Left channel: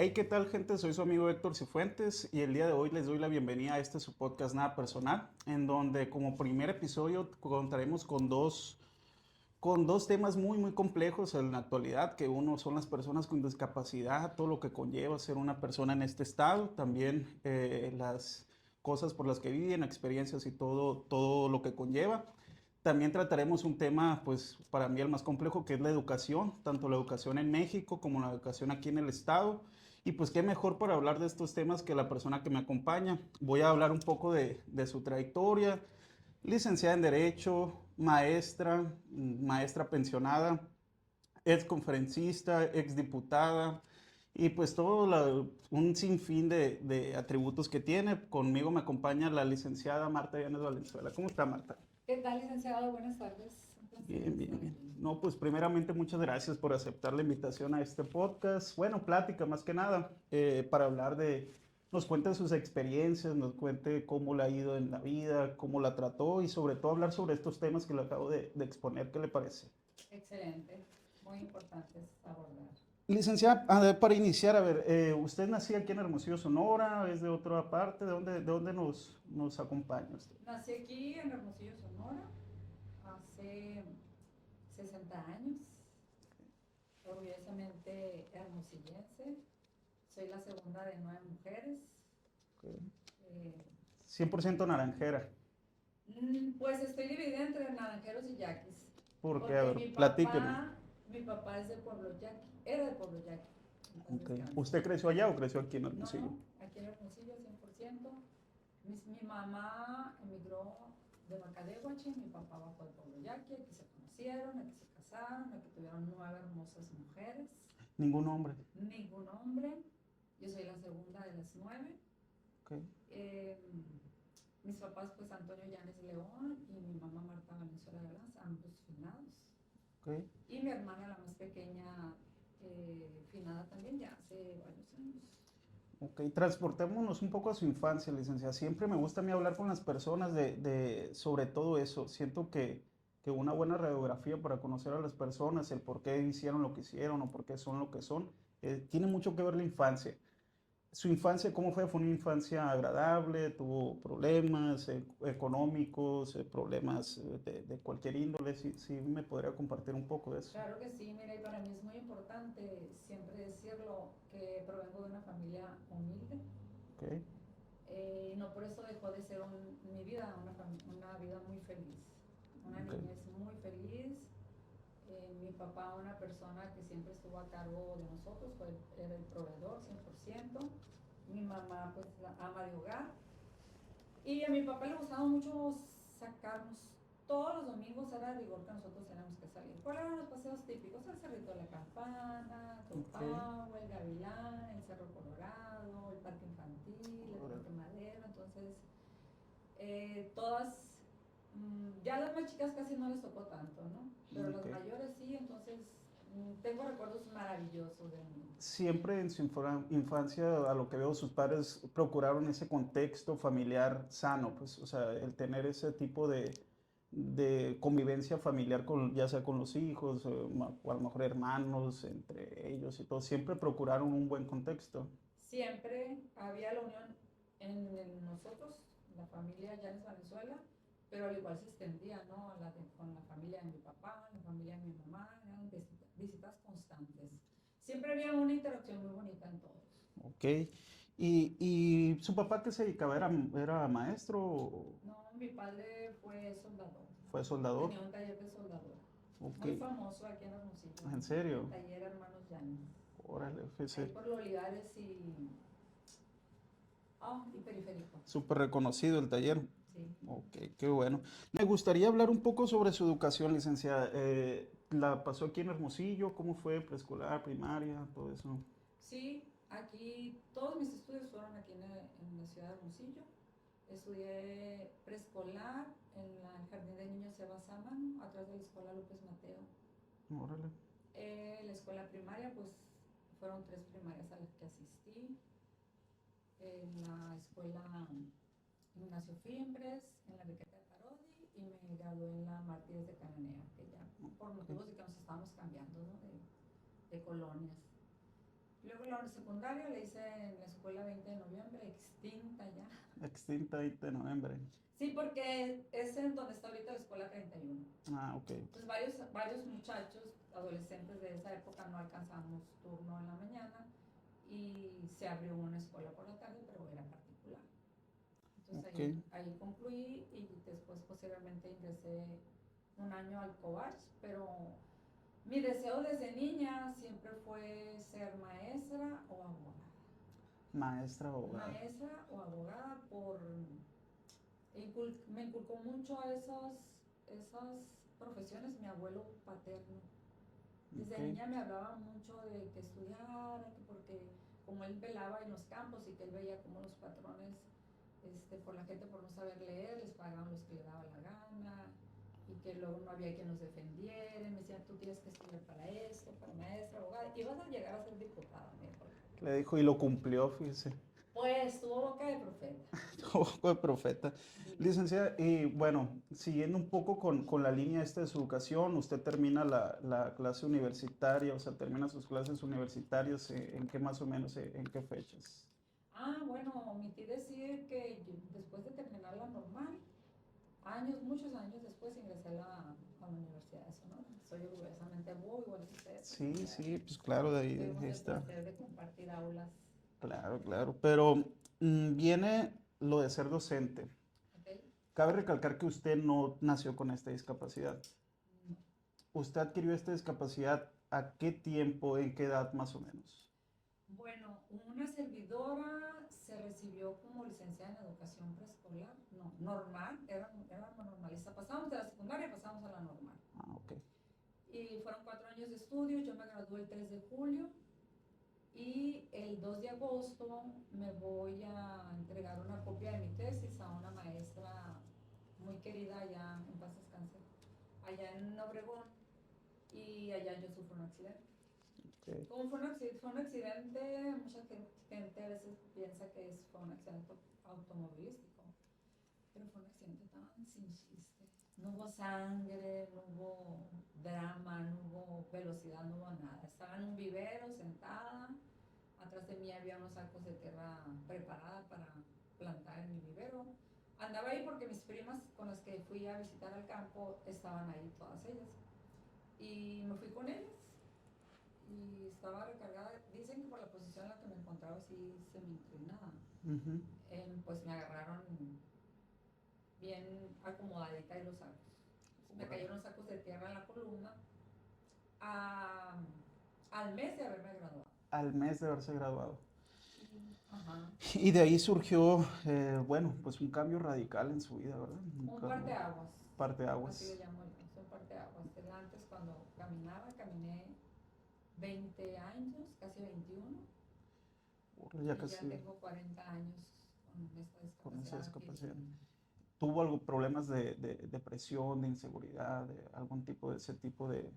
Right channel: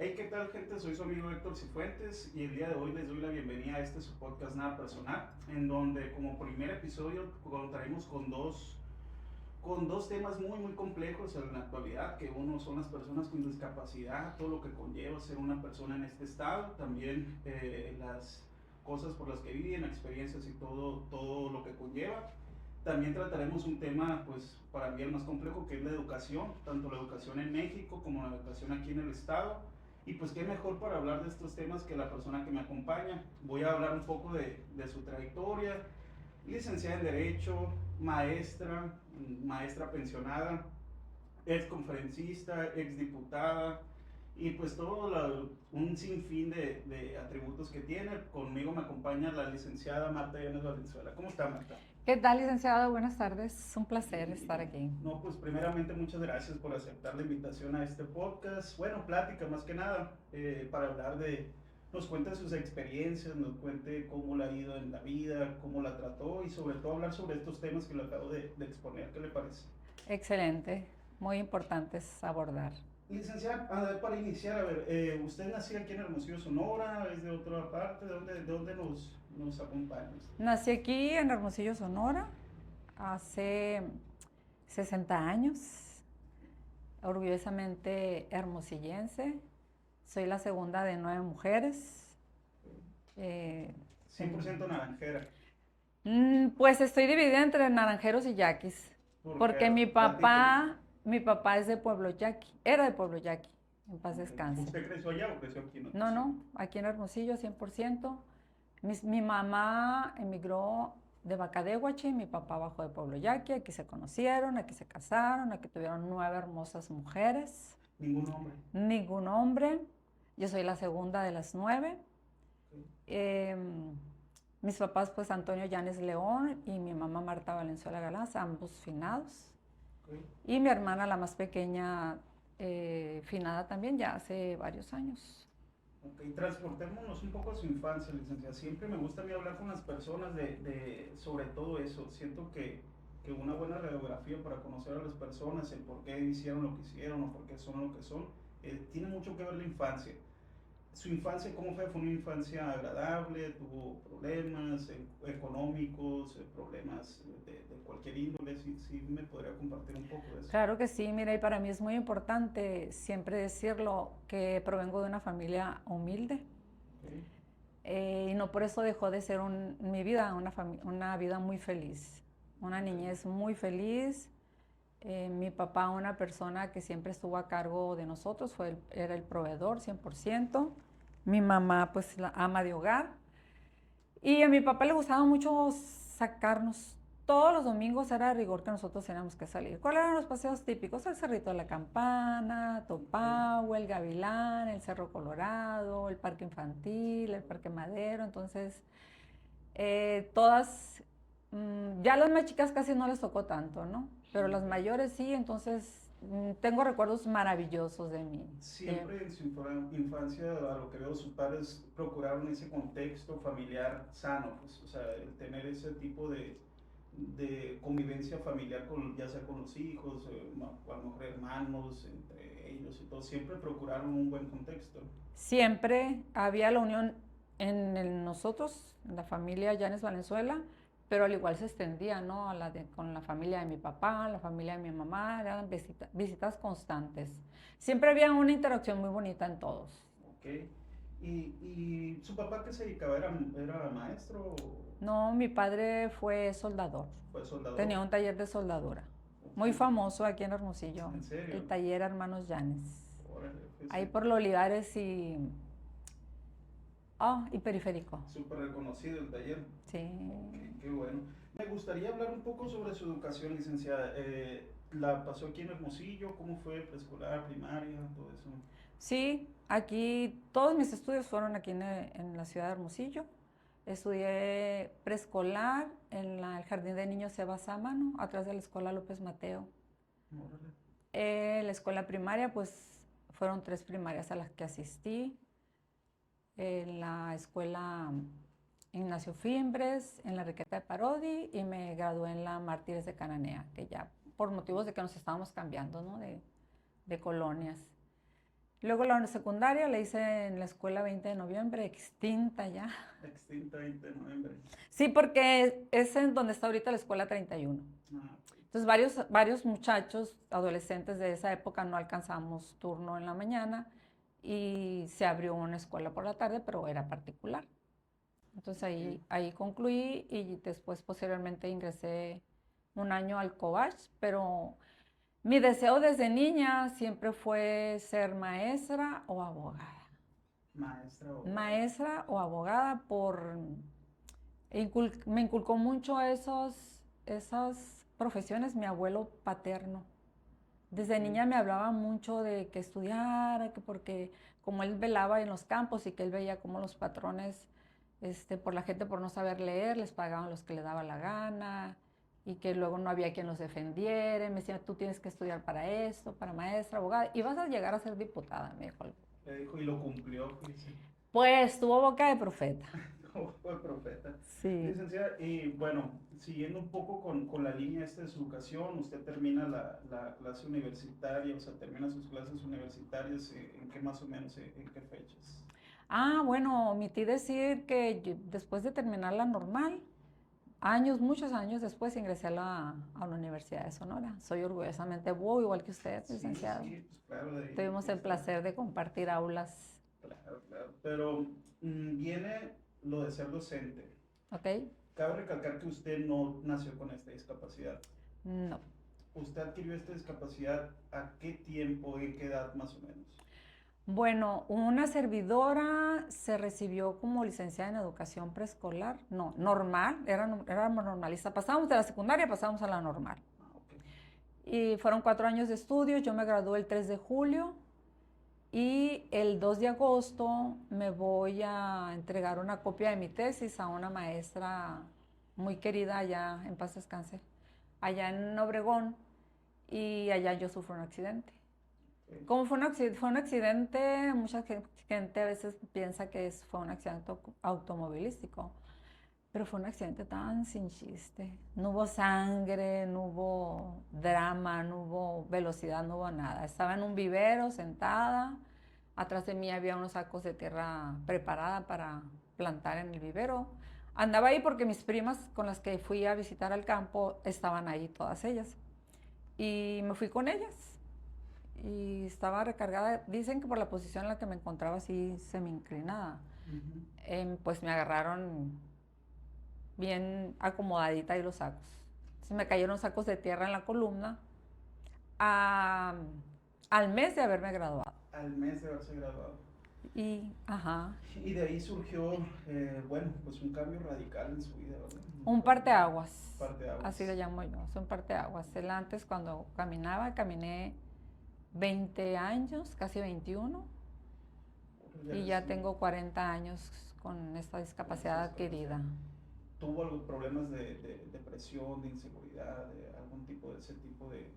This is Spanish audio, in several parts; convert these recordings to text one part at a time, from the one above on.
Hey, ¿qué tal, gente? Soy su amigo Héctor Cifuentes y el día de hoy les doy la bienvenida a este su podcast Nada Personal, en donde como primer episodio contaremos con dos temas muy complejos en la actualidad, que uno son las personas con discapacidad, todo lo que conlleva ser una persona en este estado, también las cosas por las que viven, experiencias y todo lo que conlleva. También trataremos un tema, pues para mí el más complejo, que es la educación, tanto la educación en México como la educación aquí en el estado. Y pues qué mejor para hablar de estos temas que la persona que me acompaña. Voy a hablar un poco de su trayectoria, licenciada en Derecho, maestra pensionada, ex conferencista, ex diputada y pues un sinfín de atributos que tiene. Conmigo me acompaña la licenciada Marta Llanes Valenzuela. ¿Cómo está, Marta? ¿Qué tal, licenciado? Buenas tardes. Un placer Bien, estar bien. aquí. No, pues primeramente muchas gracias por aceptar la invitación a este podcast. Bueno, plática más que nada, para hablar nos cuente sus experiencias, nos cuente cómo le ha ido en la vida, cómo la trató y sobre todo hablar sobre estos temas que le acabo de exponer. ¿Qué le parece? Excelente. Muy importantes abordar. Licenciada, a ver, para iniciar, a ver, ¿usted nació aquí en Hermosillo, Sonora? ¿Es de otra parte? ¿De dónde nos acompaña usted? Nací aquí en Hermosillo, Sonora, hace 60 años, orgullosamente hermosillense. Soy la segunda de 9 mujeres. Ok. Eh, 100% naranjera, pues estoy dividida entre naranjeros y yaquis, porque, a porque ver, mi platíqueme. papá, mi papá es de Pueblo Yaqui, era de Pueblo Yaqui, en paz Ok. descanse. ¿Usted creció allá o creció aquí en No, Hermosillo? no, aquí en Hermosillo 100%. Mi mamá emigró de Bacadehuachi, mi papá bajó de Pueblo Yaqui, aquí se conocieron, aquí se casaron, aquí tuvieron 9 hermosas mujeres, Ningún hombre. ningún hombre, yo soy la segunda de las 9. Ok, Eh, Mis papás pues Antonio Llanes León y mi mamá Marta Valenzuela Galás, ambos finados. ok. Y mi hermana, la más pequeña, finada también ya hace varios años. Ok, transportémonos un poco a su infancia, licenciada. Siempre me gusta a mí hablar con las personas sobre todo eso. Siento que una buena radiografía para conocer a las personas, el por qué hicieron lo que hicieron o por qué son lo que son, tiene mucho que ver la infancia. Su infancia, ¿cómo fue? ¿Fue una infancia agradable? ¿Tuvo problemas económicos, problemas de cualquier índole? Sí, me podría compartir un poco de eso. Claro que sí, mira, y para mí es muy importante siempre decirlo que provengo de una familia humilde, Ok, y no por eso dejó de ser mi vida una vida muy feliz, una ok. niñez muy feliz. Mi papá, una persona que siempre estuvo a cargo de nosotros, era el proveedor 100%. Mi mamá, pues la ama de hogar. Y a mi papá le gustaba mucho sacarnos. Todos los domingos era de rigor que nosotros teníamos que salir. ¿Cuáles eran los paseos típicos? El Cerrito de la Campana, Ok. Topahue, el Gavilán, el Cerro Colorado, el Parque Infantil, el Parque Órale. Madero. Entonces, todas, ya las más chicas casi no les tocó tanto, ¿no? Pero las Ok. mayores sí, entonces tengo recuerdos maravillosos de mí. Siempre en su infancia, a lo que veo, sus padres procuraron ese contexto familiar sano, pues, o sea, el tener ese tipo de convivencia familiar con, ya sea con los hijos, o a lo mejor hermanos, entre ellos y todo, siempre procuraron un buen contexto. Siempre había la unión nosotros, en la familia Llanes Valenzuela, pero al igual se extendía, ¿no? Con la familia de mi papá, la familia de mi mamá, eran visitas constantes. Siempre había una interacción muy bonita en todos. Ok. ¿Y su papá qué se dedicaba? ¿Era maestro o No, mi padre fue soldador, fue soldador? tenía un taller de soldadura, Ok. muy famoso aquí en Hermosillo, ¿En el serio? taller Hermanos Llanes, Órale, ahí fíjese. por los Olivares y Periférico. Súper reconocido el taller. Sí. Ok, qué bueno. Me gustaría hablar un poco sobre su educación, licenciada. ¿La pasó aquí en Hermosillo? ¿Cómo fue? ¿Preescolar, primaria, todo eso? Sí, aquí todos mis estudios fueron aquí en la ciudad de Hermosillo. Estudié preescolar en el Jardín de Niños Eva Sámano, atrás de la Escuela López Mateo. Órale. La escuela primaria, pues fueron 3 primarias a las que asistí. En la escuela Ignacio Fimbres, en la Enriqueta de Parodi y me gradué en la Mártires de Cananea, que ya por motivos de que nos estábamos cambiando, ¿no? de colonias. Luego la secundaria la hice en la escuela 20 de noviembre, extinta ya. Extinta 20 de noviembre. Sí, porque es en donde está ahorita la escuela 31. Ah, ok. Entonces varios muchachos, adolescentes de esa época no alcanzamos turno en la mañana y se abrió una escuela por la tarde, pero era particular. Entonces Ok. ahí concluí y después posteriormente ingresé un año al Cobach, pero mi deseo desde niña siempre fue ser maestra o abogada. Maestra o... Maestra o abogada me inculcó mucho esas profesiones mi abuelo paterno. Desde Ok. niña me hablaba mucho de que estudiara, que porque como él velaba en los campos y que él veía cómo los patrones, por la gente por no saber leer, les pagaban los que le daba la gana y que luego no había quien los defendiera. Y me decía, tú tienes que estudiar para esto, para maestra, abogada, y vas a llegar a ser diputada, me dijo. Le dijo y lo cumplió, fíjese. Pues tuvo boca de profeta. Ojo de profeta. Sí. Licenciada, y bueno, siguiendo un poco con la línea esta de su educación, usted termina la clase universitaria, o sea, termina sus clases universitarias, ¿en qué más o menos, en qué fechas? Ah, bueno, omití decir que después de terminar la normal, muchos años después ingresé a la Universidad de Sonora. Soy orgullosamente búho, igual que usted, Sí, licenciado. sí, pues claro, de ahí Tuvimos el está. placer de compartir aulas, Claro, claro, pero viene lo de ser docente. ¿ok? Cabe recalcar que usted no nació con esta discapacidad. No. ¿Usted adquirió esta discapacidad a qué tiempo, en qué edad más o menos? Bueno, una servidora se recibió como licenciada en educación preescolar, no, normal, era normalista. Pasábamos de la secundaria, pasábamos a la normal. Ah, ok. Y fueron 4 años de estudios, yo me gradué el 3 de julio y el 2 de agosto me voy a entregar una copia de mi tesis a una maestra muy querida allá, en paz descanse, allá en Obregón, y allá yo sufro un accidente. Ok. Como fue un accidente, mucha gente a veces piensa que fue un accidente automovilístico, pero fue un accidente tan sin chiste. No hubo sangre, no hubo drama, no hubo velocidad, no hubo nada. Estaba en un vivero sentada, atrás de mí había unos sacos de tierra preparada para plantar en el vivero. Andaba ahí porque mis primas con las que fui a visitar al campo estaban ahí todas ellas. Y me fui con ellas y estaba recargada. Dicen que por la posición en la que me encontraba así semi inclinada, Ujú. pues me agarraron bien acomodadita ahí los sacos. Entonces me cayeron sacos de tierra en la columna a- al mes de haberme graduado. Al mes de haberse graduado. Ajá, Y de ahí surgió, bueno, pues un cambio radical en su vida, ¿verdad? Un un cambio, parteaguas, así le parteaguas. llamo yo, es un parteaguas. Él antes cuando caminé 20 años, casi 21, Ya y ya casi tengo 40 años con esta con esa discapacidad discapacidad. adquirida. ¿Tuvo algo, problemas de depresión, de inseguridad, de algún tipo de ese tipo de...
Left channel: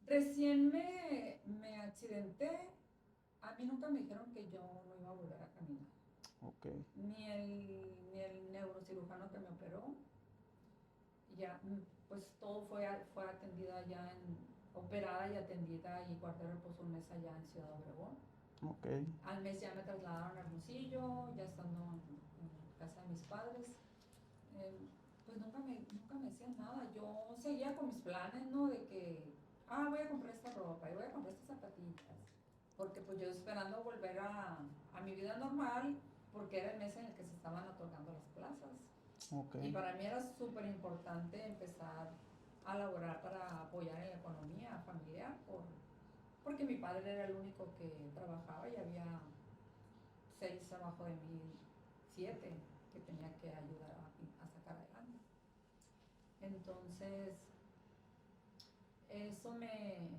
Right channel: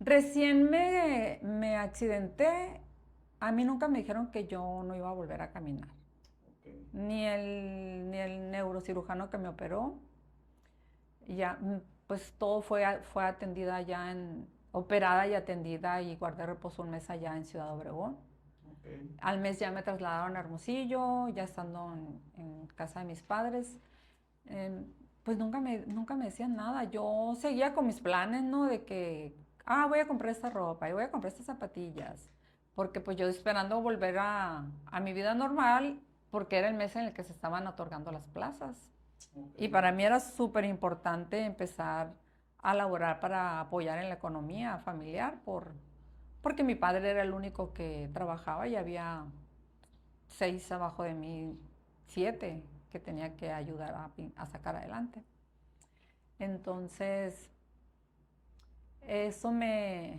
Recién me accidenté, a mí nunca me dijeron que yo no iba a volver a caminar. Ok, Ni el neurocirujano que me operó, ya, pues todo fue atendida ya operada y atendida y guardé reposo un mes allá en Ciudad Obregón. ok. Al mes ya me trasladaron a Hermosillo, ya estando en casa de mis padres. Eh, pues nunca me decían nada. Yo seguía con mis planes, ¿no? De que, voy a comprar esta ropa y voy a comprar estas zapatillas. Porque pues yo esperando volver a mi vida normal, porque era el mes en el que se estaban otorgando las plazas. Ok, Y para mí era súper importante empezar a laborar para apoyar en la economía familiar, porque mi padre era el único que trabajaba y había 6 abajo de mí, 7 que tenía que ayudar a sacar adelante. Entonces, eso me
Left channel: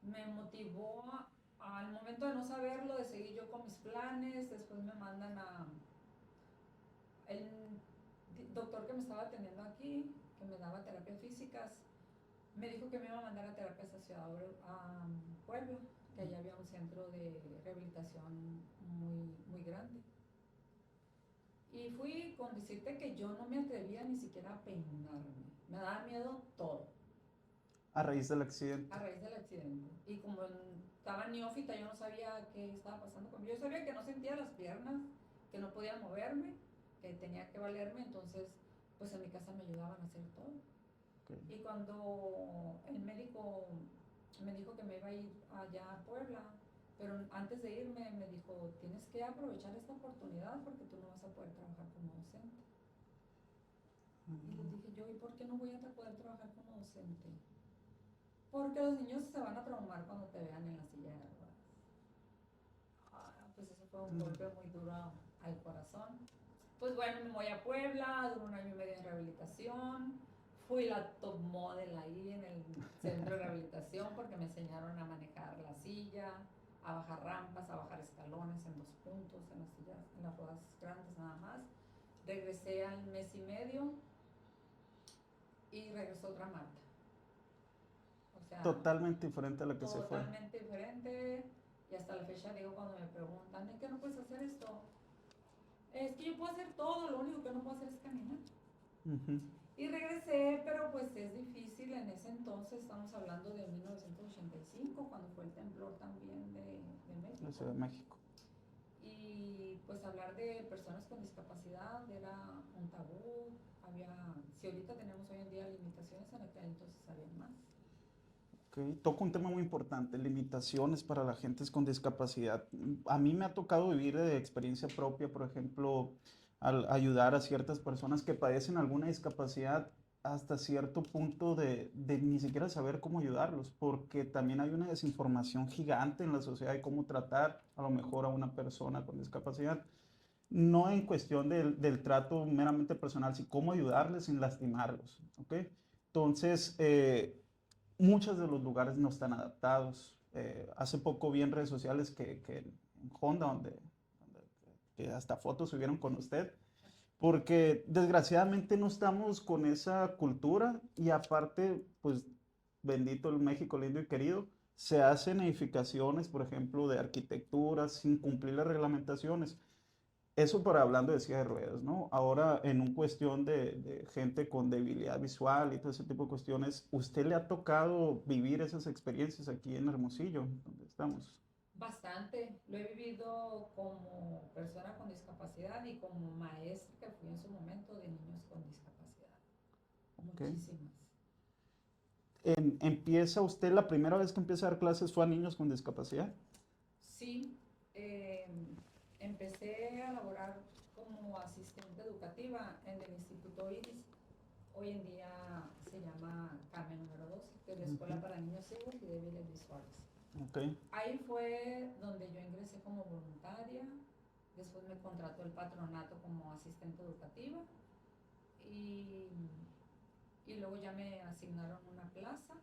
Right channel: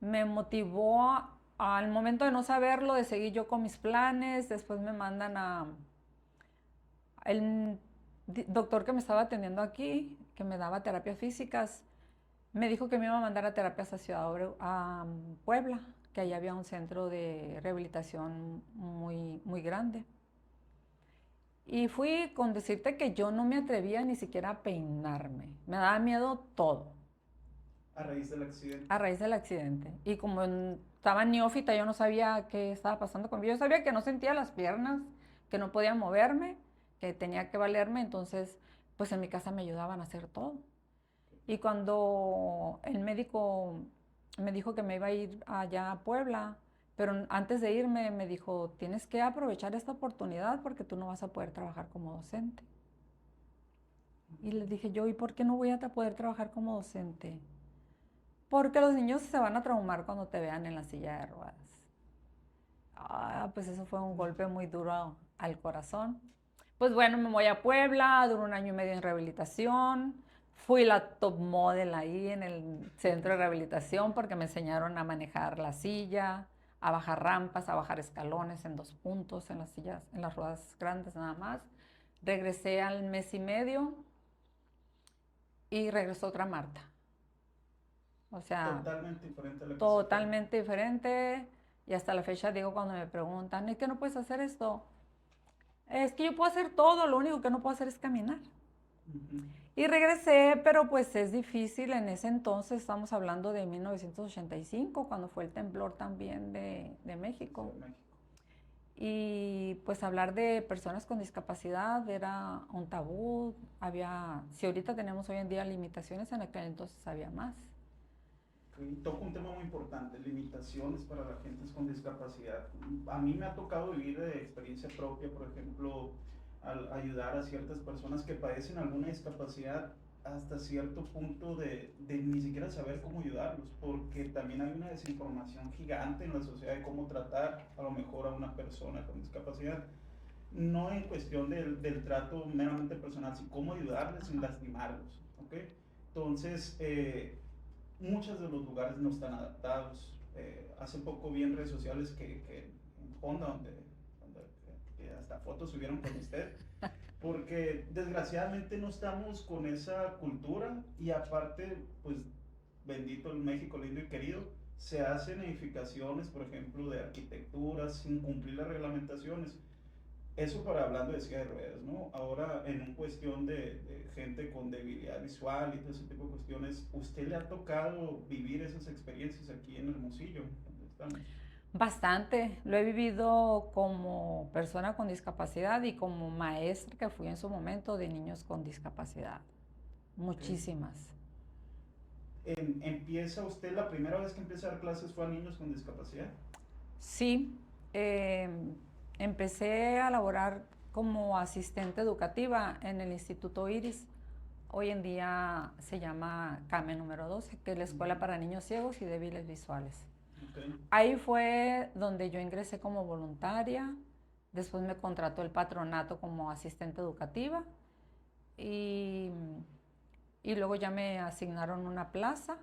motivó al momento de no saberlo, de seguir yo con mis planes. Después me mandan el doctor que me estaba atendiendo aquí, que me daba terapias físicas, me dijo que me iba a mandar a terapias a Puebla, que allá había un centro de rehabilitación muy, muy grande. Y fui con decirte que yo no me atrevía ni siquiera a peinarme. Me daba miedo todo. A raíz del accidente. A raíz del accidente. Y como estaba neófita, yo no sabía qué estaba pasando conmigo. Yo sabía que no sentía las piernas, que no podía moverme, que tenía que valerme, entonces pues en mi casa me ayudaban a hacer todo. Okay. Y cuando el médico me dijo que me iba a ir allá a Puebla, pero antes de irme me dijo, tienes que aprovechar esta oportunidad porque tú no vas a poder trabajar como docente. Y les dije yo, ¿y por qué no voy a poder trabajar como docente? Porque los niños se van a traumar cuando te vean en la silla de ruedas. Pues eso fue un golpe muy duro al corazón. Pues bueno, me voy a Puebla, duró 1 año y medio en rehabilitación. Fui la top model ahí en el centro de rehabilitación porque me enseñaron a manejar la silla, a bajar rampas, a bajar escalones en 2 puntos, en las sillas, en las ruedas grandes nada más. Regresé al mes y medio y regresó otra Marta. O sea, totalmente diferente a la que totalmente diferente. Y hasta la fecha digo cuando me preguntan, ¿es que no puedes hacer esto? Es que yo puedo hacer todo, lo único que no puedo hacer es caminar. Y regresé, pero pues es difícil en ese entonces, estamos hablando de 1985, cuando fue el temblor también de México. De México. Y pues hablar de personas con discapacidad era un tabú, si ahorita tenemos hoy en día limitaciones, en aquel entonces había más. Okay. Toco un tema muy importante, limitaciones para la gente con discapacidad. A mí me ha tocado vivir de experiencia propia, por ejemplo, al ayudar a ciertas personas que padecen alguna discapacidad hasta cierto punto de ni siquiera saber cómo ayudarlos, porque también hay una desinformación gigante en la sociedad de cómo tratar a lo mejor a una persona con discapacidad. No en cuestión del trato meramente personal, sino cómo ayudarles sin lastimarlos, ¿ok? Entonces, muchos de los lugares no están adaptados. Hace poco vi en redes sociales que en Honda, que hasta fotos subieron con usted, porque desgraciadamente no estamos con esa cultura y aparte, pues bendito el México lindo y querido, se hacen edificaciones, por ejemplo, de arquitectura sin cumplir las reglamentaciones. Eso para hablando de silla de ruedas, ¿no? Ahora, en un cuestión de gente con debilidad visual y todo ese tipo de cuestiones, ¿usted le ha tocado vivir esas experiencias aquí en Hermosillo, donde estamos? Bastante, lo he vivido como persona con discapacidad y como maestra que fui en su momento de niños con discapacidad. Muchísimas. ¿Empieza usted, la primera vez que empieza a dar clases fue a niños con discapacidad? Sí, empecé a laborar como asistente educativa en el Instituto Iris. Hoy en día se llama CAME número 12, que es la Escuela para Niños Ciegos y Débiles Visuales. Okay. Ahí fue donde yo ingresé como voluntaria, después me contrató el patronato como asistente educativa y luego ya me asignaron una plaza.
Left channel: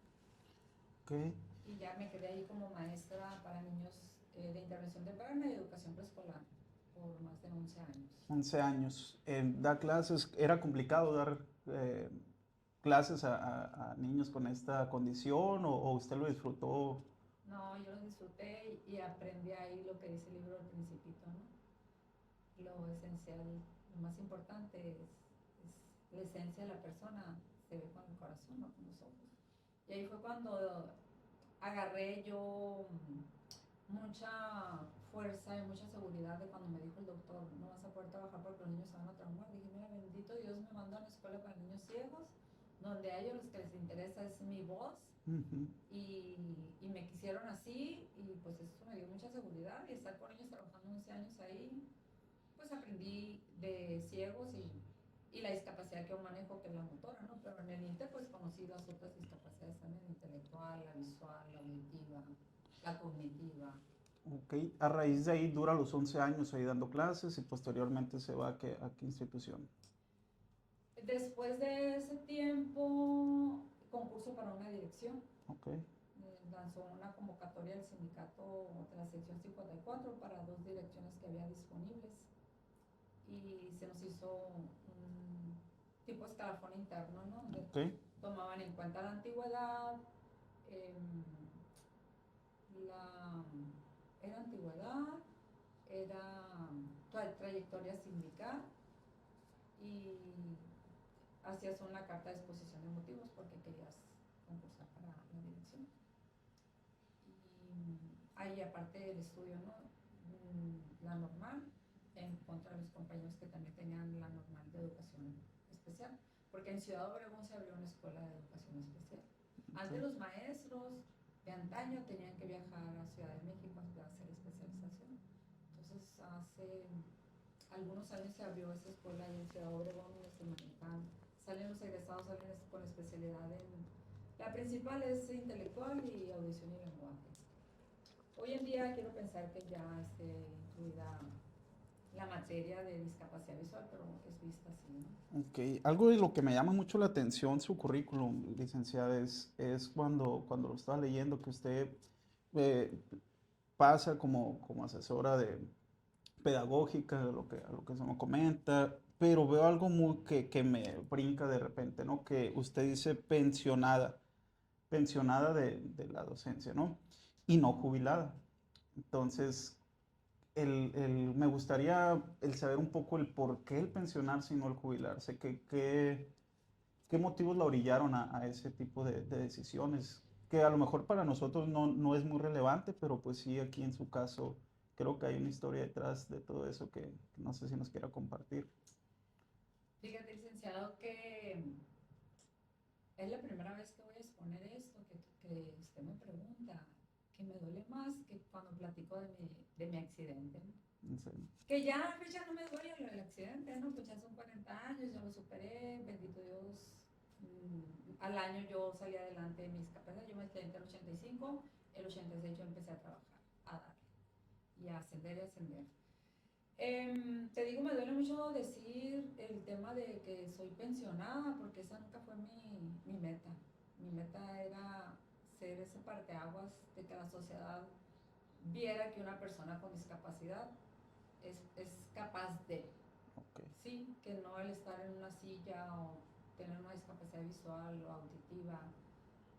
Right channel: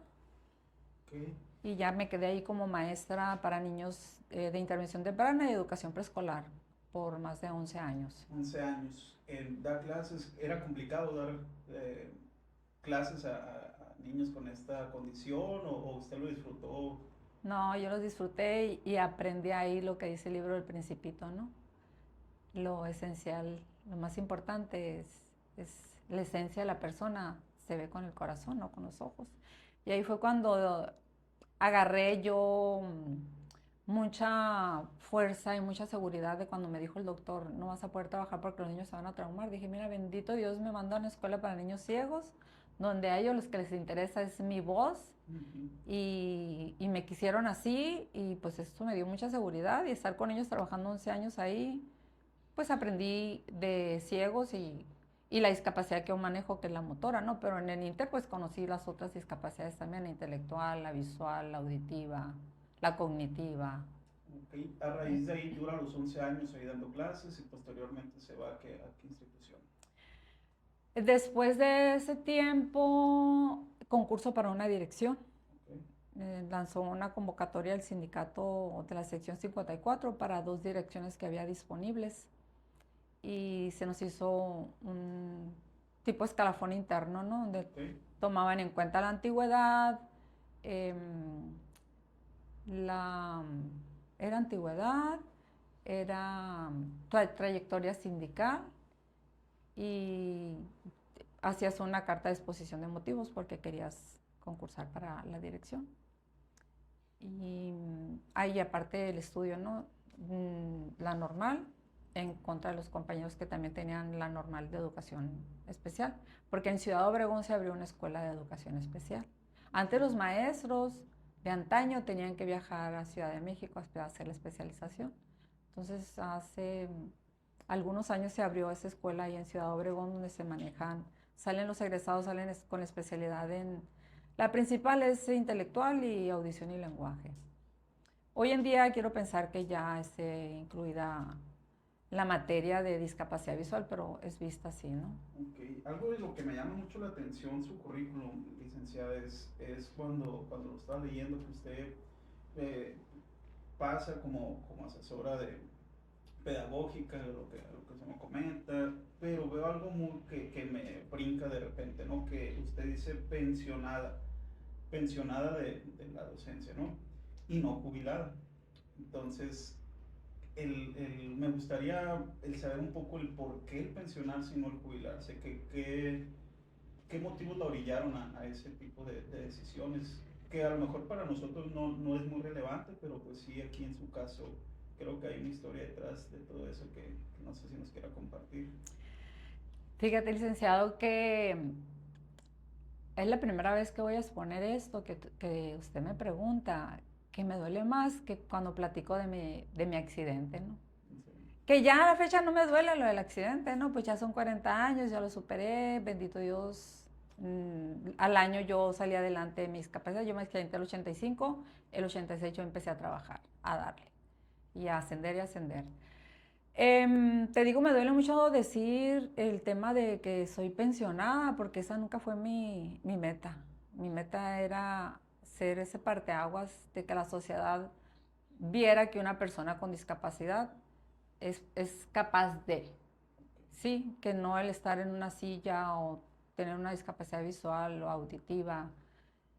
Okay. Y ya me quedé ahí como maestra para niños de intervención temprana y educación preescolar por más de 11 años. 11 años. ¿Da clases? ¿Era complicado dar clases a niños con esta condición o usted lo disfrutó? No, yo los disfruté y aprendí ahí lo que dice el libro del Principito, ¿no? Lo esencial, lo más importante es la esencia de la persona, se ve con el corazón, no con los ojos. Y ahí fue cuando agarré yo mucha fuerza y mucha seguridad de cuando me dijo el doctor, no vas a poder trabajar porque los niños se van a traumar. Dije, mira, bendito Dios me mandó a una escuela para niños ciegos, donde a ellos los que les interesa es mi voz. Y me quisieron así y pues eso me dio mucha seguridad y estar con ellos trabajando 11 años ahí, pues aprendí de ciegos y la discapacidad que yo manejo, que es la motora, ¿no? Pero en el Inter pues conocí las otras discapacidades también, la intelectual, la visual, la auditiva, la cognitiva. Ok, a raíz de ahí dura los 11 años ahí dando clases y posteriormente se va a qué institución. Después de ese tiempo, concurso para una dirección. Okay. Lanzó una convocatoria al sindicato de la sección 54 para 2 direcciones que había disponibles y se nos hizo un tipo escalafón interno, ¿no? Donde tomaban en cuenta la antigüedad, era antigüedad, era trayectoria sindical y hacías una carta de exposición de motivos porque querías concursar para la dirección. Y ahí aparte del estudio, ¿no? La normal, en contra de los compañeros que también tenían la normal de educación especial, porque en Ciudad Obregón se abrió una escuela de educación especial. Antes los maestros de antaño tenían que viajar a Ciudad de México a hacer la especialización. Entonces hace algunos años se abrió esa escuela ahí en Ciudad Obregón donde se manejan, salen los egresados, salen con especialidad en, la principal es intelectual y audición y lenguaje. Hoy en día quiero pensar que ya esté incluida la materia de discapacidad visual, pero es vista así, ¿no? Ok, algo de lo que me llama mucho la atención su currículum, licenciada, es cuando lo estaba leyendo que usted eh, pasa como asesora pedagógica, a lo que se me comenta, pero veo algo muy que me brinca de repente, ¿no? Que usted dice pensionada de la docencia, ¿no? Y no jubilada. Entonces, me gustaría el saber un poco el por qué el pensionarse y no el jubilarse, qué motivos la orillaron a ese tipo de decisiones, que a lo mejor para nosotros no es muy relevante, pero pues sí, aquí en su caso, creo que hay una historia detrás de todo eso que no sé si nos quiera compartir. Fíjate, licenciado, que es la primera vez que voy a exponer esto, que usted me pregunta, que me duele más que cuando platico de mi accidente, ¿no? Sí. Que ya a la fecha no me duele lo del accidente, ¿no? Pues ya son 40 años, ya lo superé, bendito Dios. Al año yo salí adelante de mis capacidades, yo me accidenté el 85, el 86 yo empecé a trabajar, a darle, y a ascender y ascender. Te digo, me duele mucho decir el tema de que soy pensionada, porque esa nunca fue mi meta. Mi meta era ser ese parteaguas de que la sociedad viera que una persona con discapacidad es capaz de, Ok. sí, que no el estar en una silla o tener una discapacidad visual o auditiva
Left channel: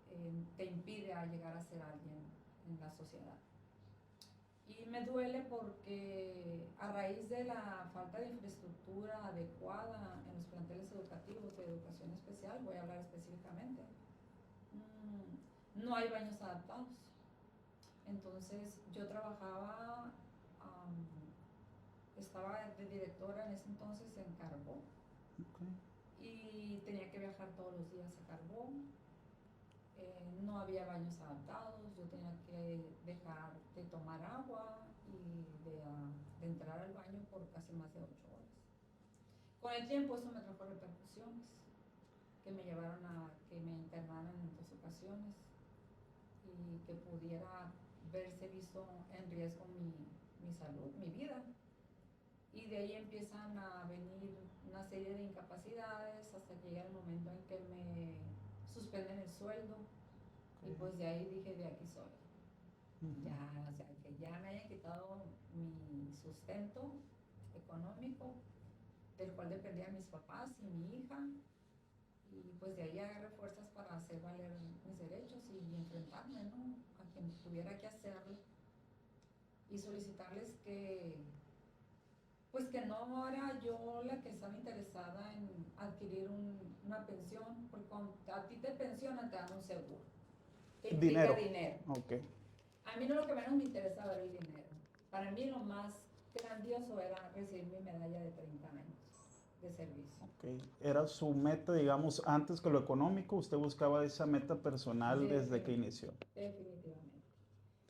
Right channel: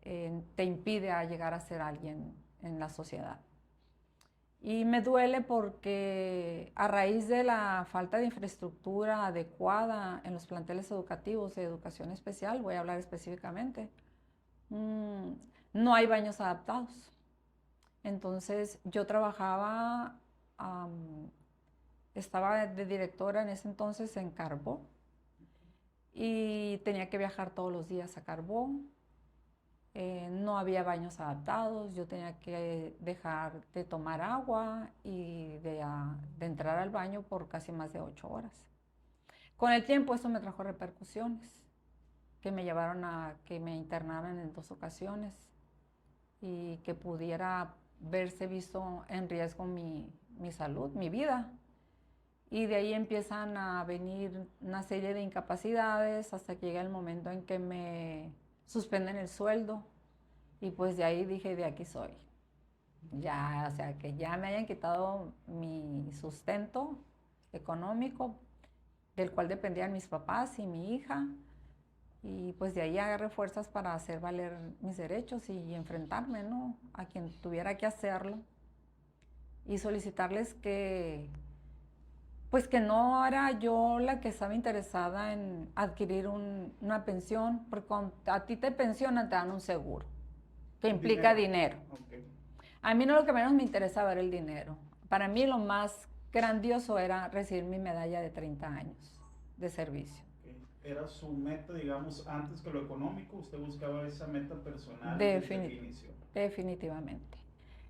te impide a llegar a ser alguien en la sociedad. Y me duele porque a raíz de la falta de infraestructura adecuada en los planteles educativos de educación especial, voy a hablar específicamente, no hay baños adaptados. Entonces yo trabajaba, estaba de directora en ese entonces en Carbó y tenía que viajar todos los días a Carbó. No había baños adaptados, yo tenía que dejar de tomar agua y de entrar al baño por casi más de 8 horas. Con el tiempo eso me trajo repercusiones que me llevaron a que me internaran en 2 ocasiones y que pudiera verse visto en riesgo mi salud, mi vida. Y de ahí empiezan a venir una serie de incapacidades hasta que llega el momento en que me suspenden el sueldo. Y pues de ahí dije, de aquí soy. Ya, o sea, que ya me hayan quitado mi sustento económico, del cual dependían mis papás y mi hija. Y pues de ahí agarré fuerzas para hacer valer mis derechos y enfrentarme, ¿no? A quien tuviera que hacerlo. Y solicitarles que, pues que no era yo la que estaba interesada en adquirir una pensión, porque cuando a ti te pensionan te dan un seguro, que implica dinero. Okay. A mí no lo que menos me interesaba era el dinero. Para mí lo más grandioso era recibir mi medalla de 30 años de servicio. Okay. Era su meta, digamos, antes que lo económico, usted buscaba esa meta personal desde que inició. Definitivamente.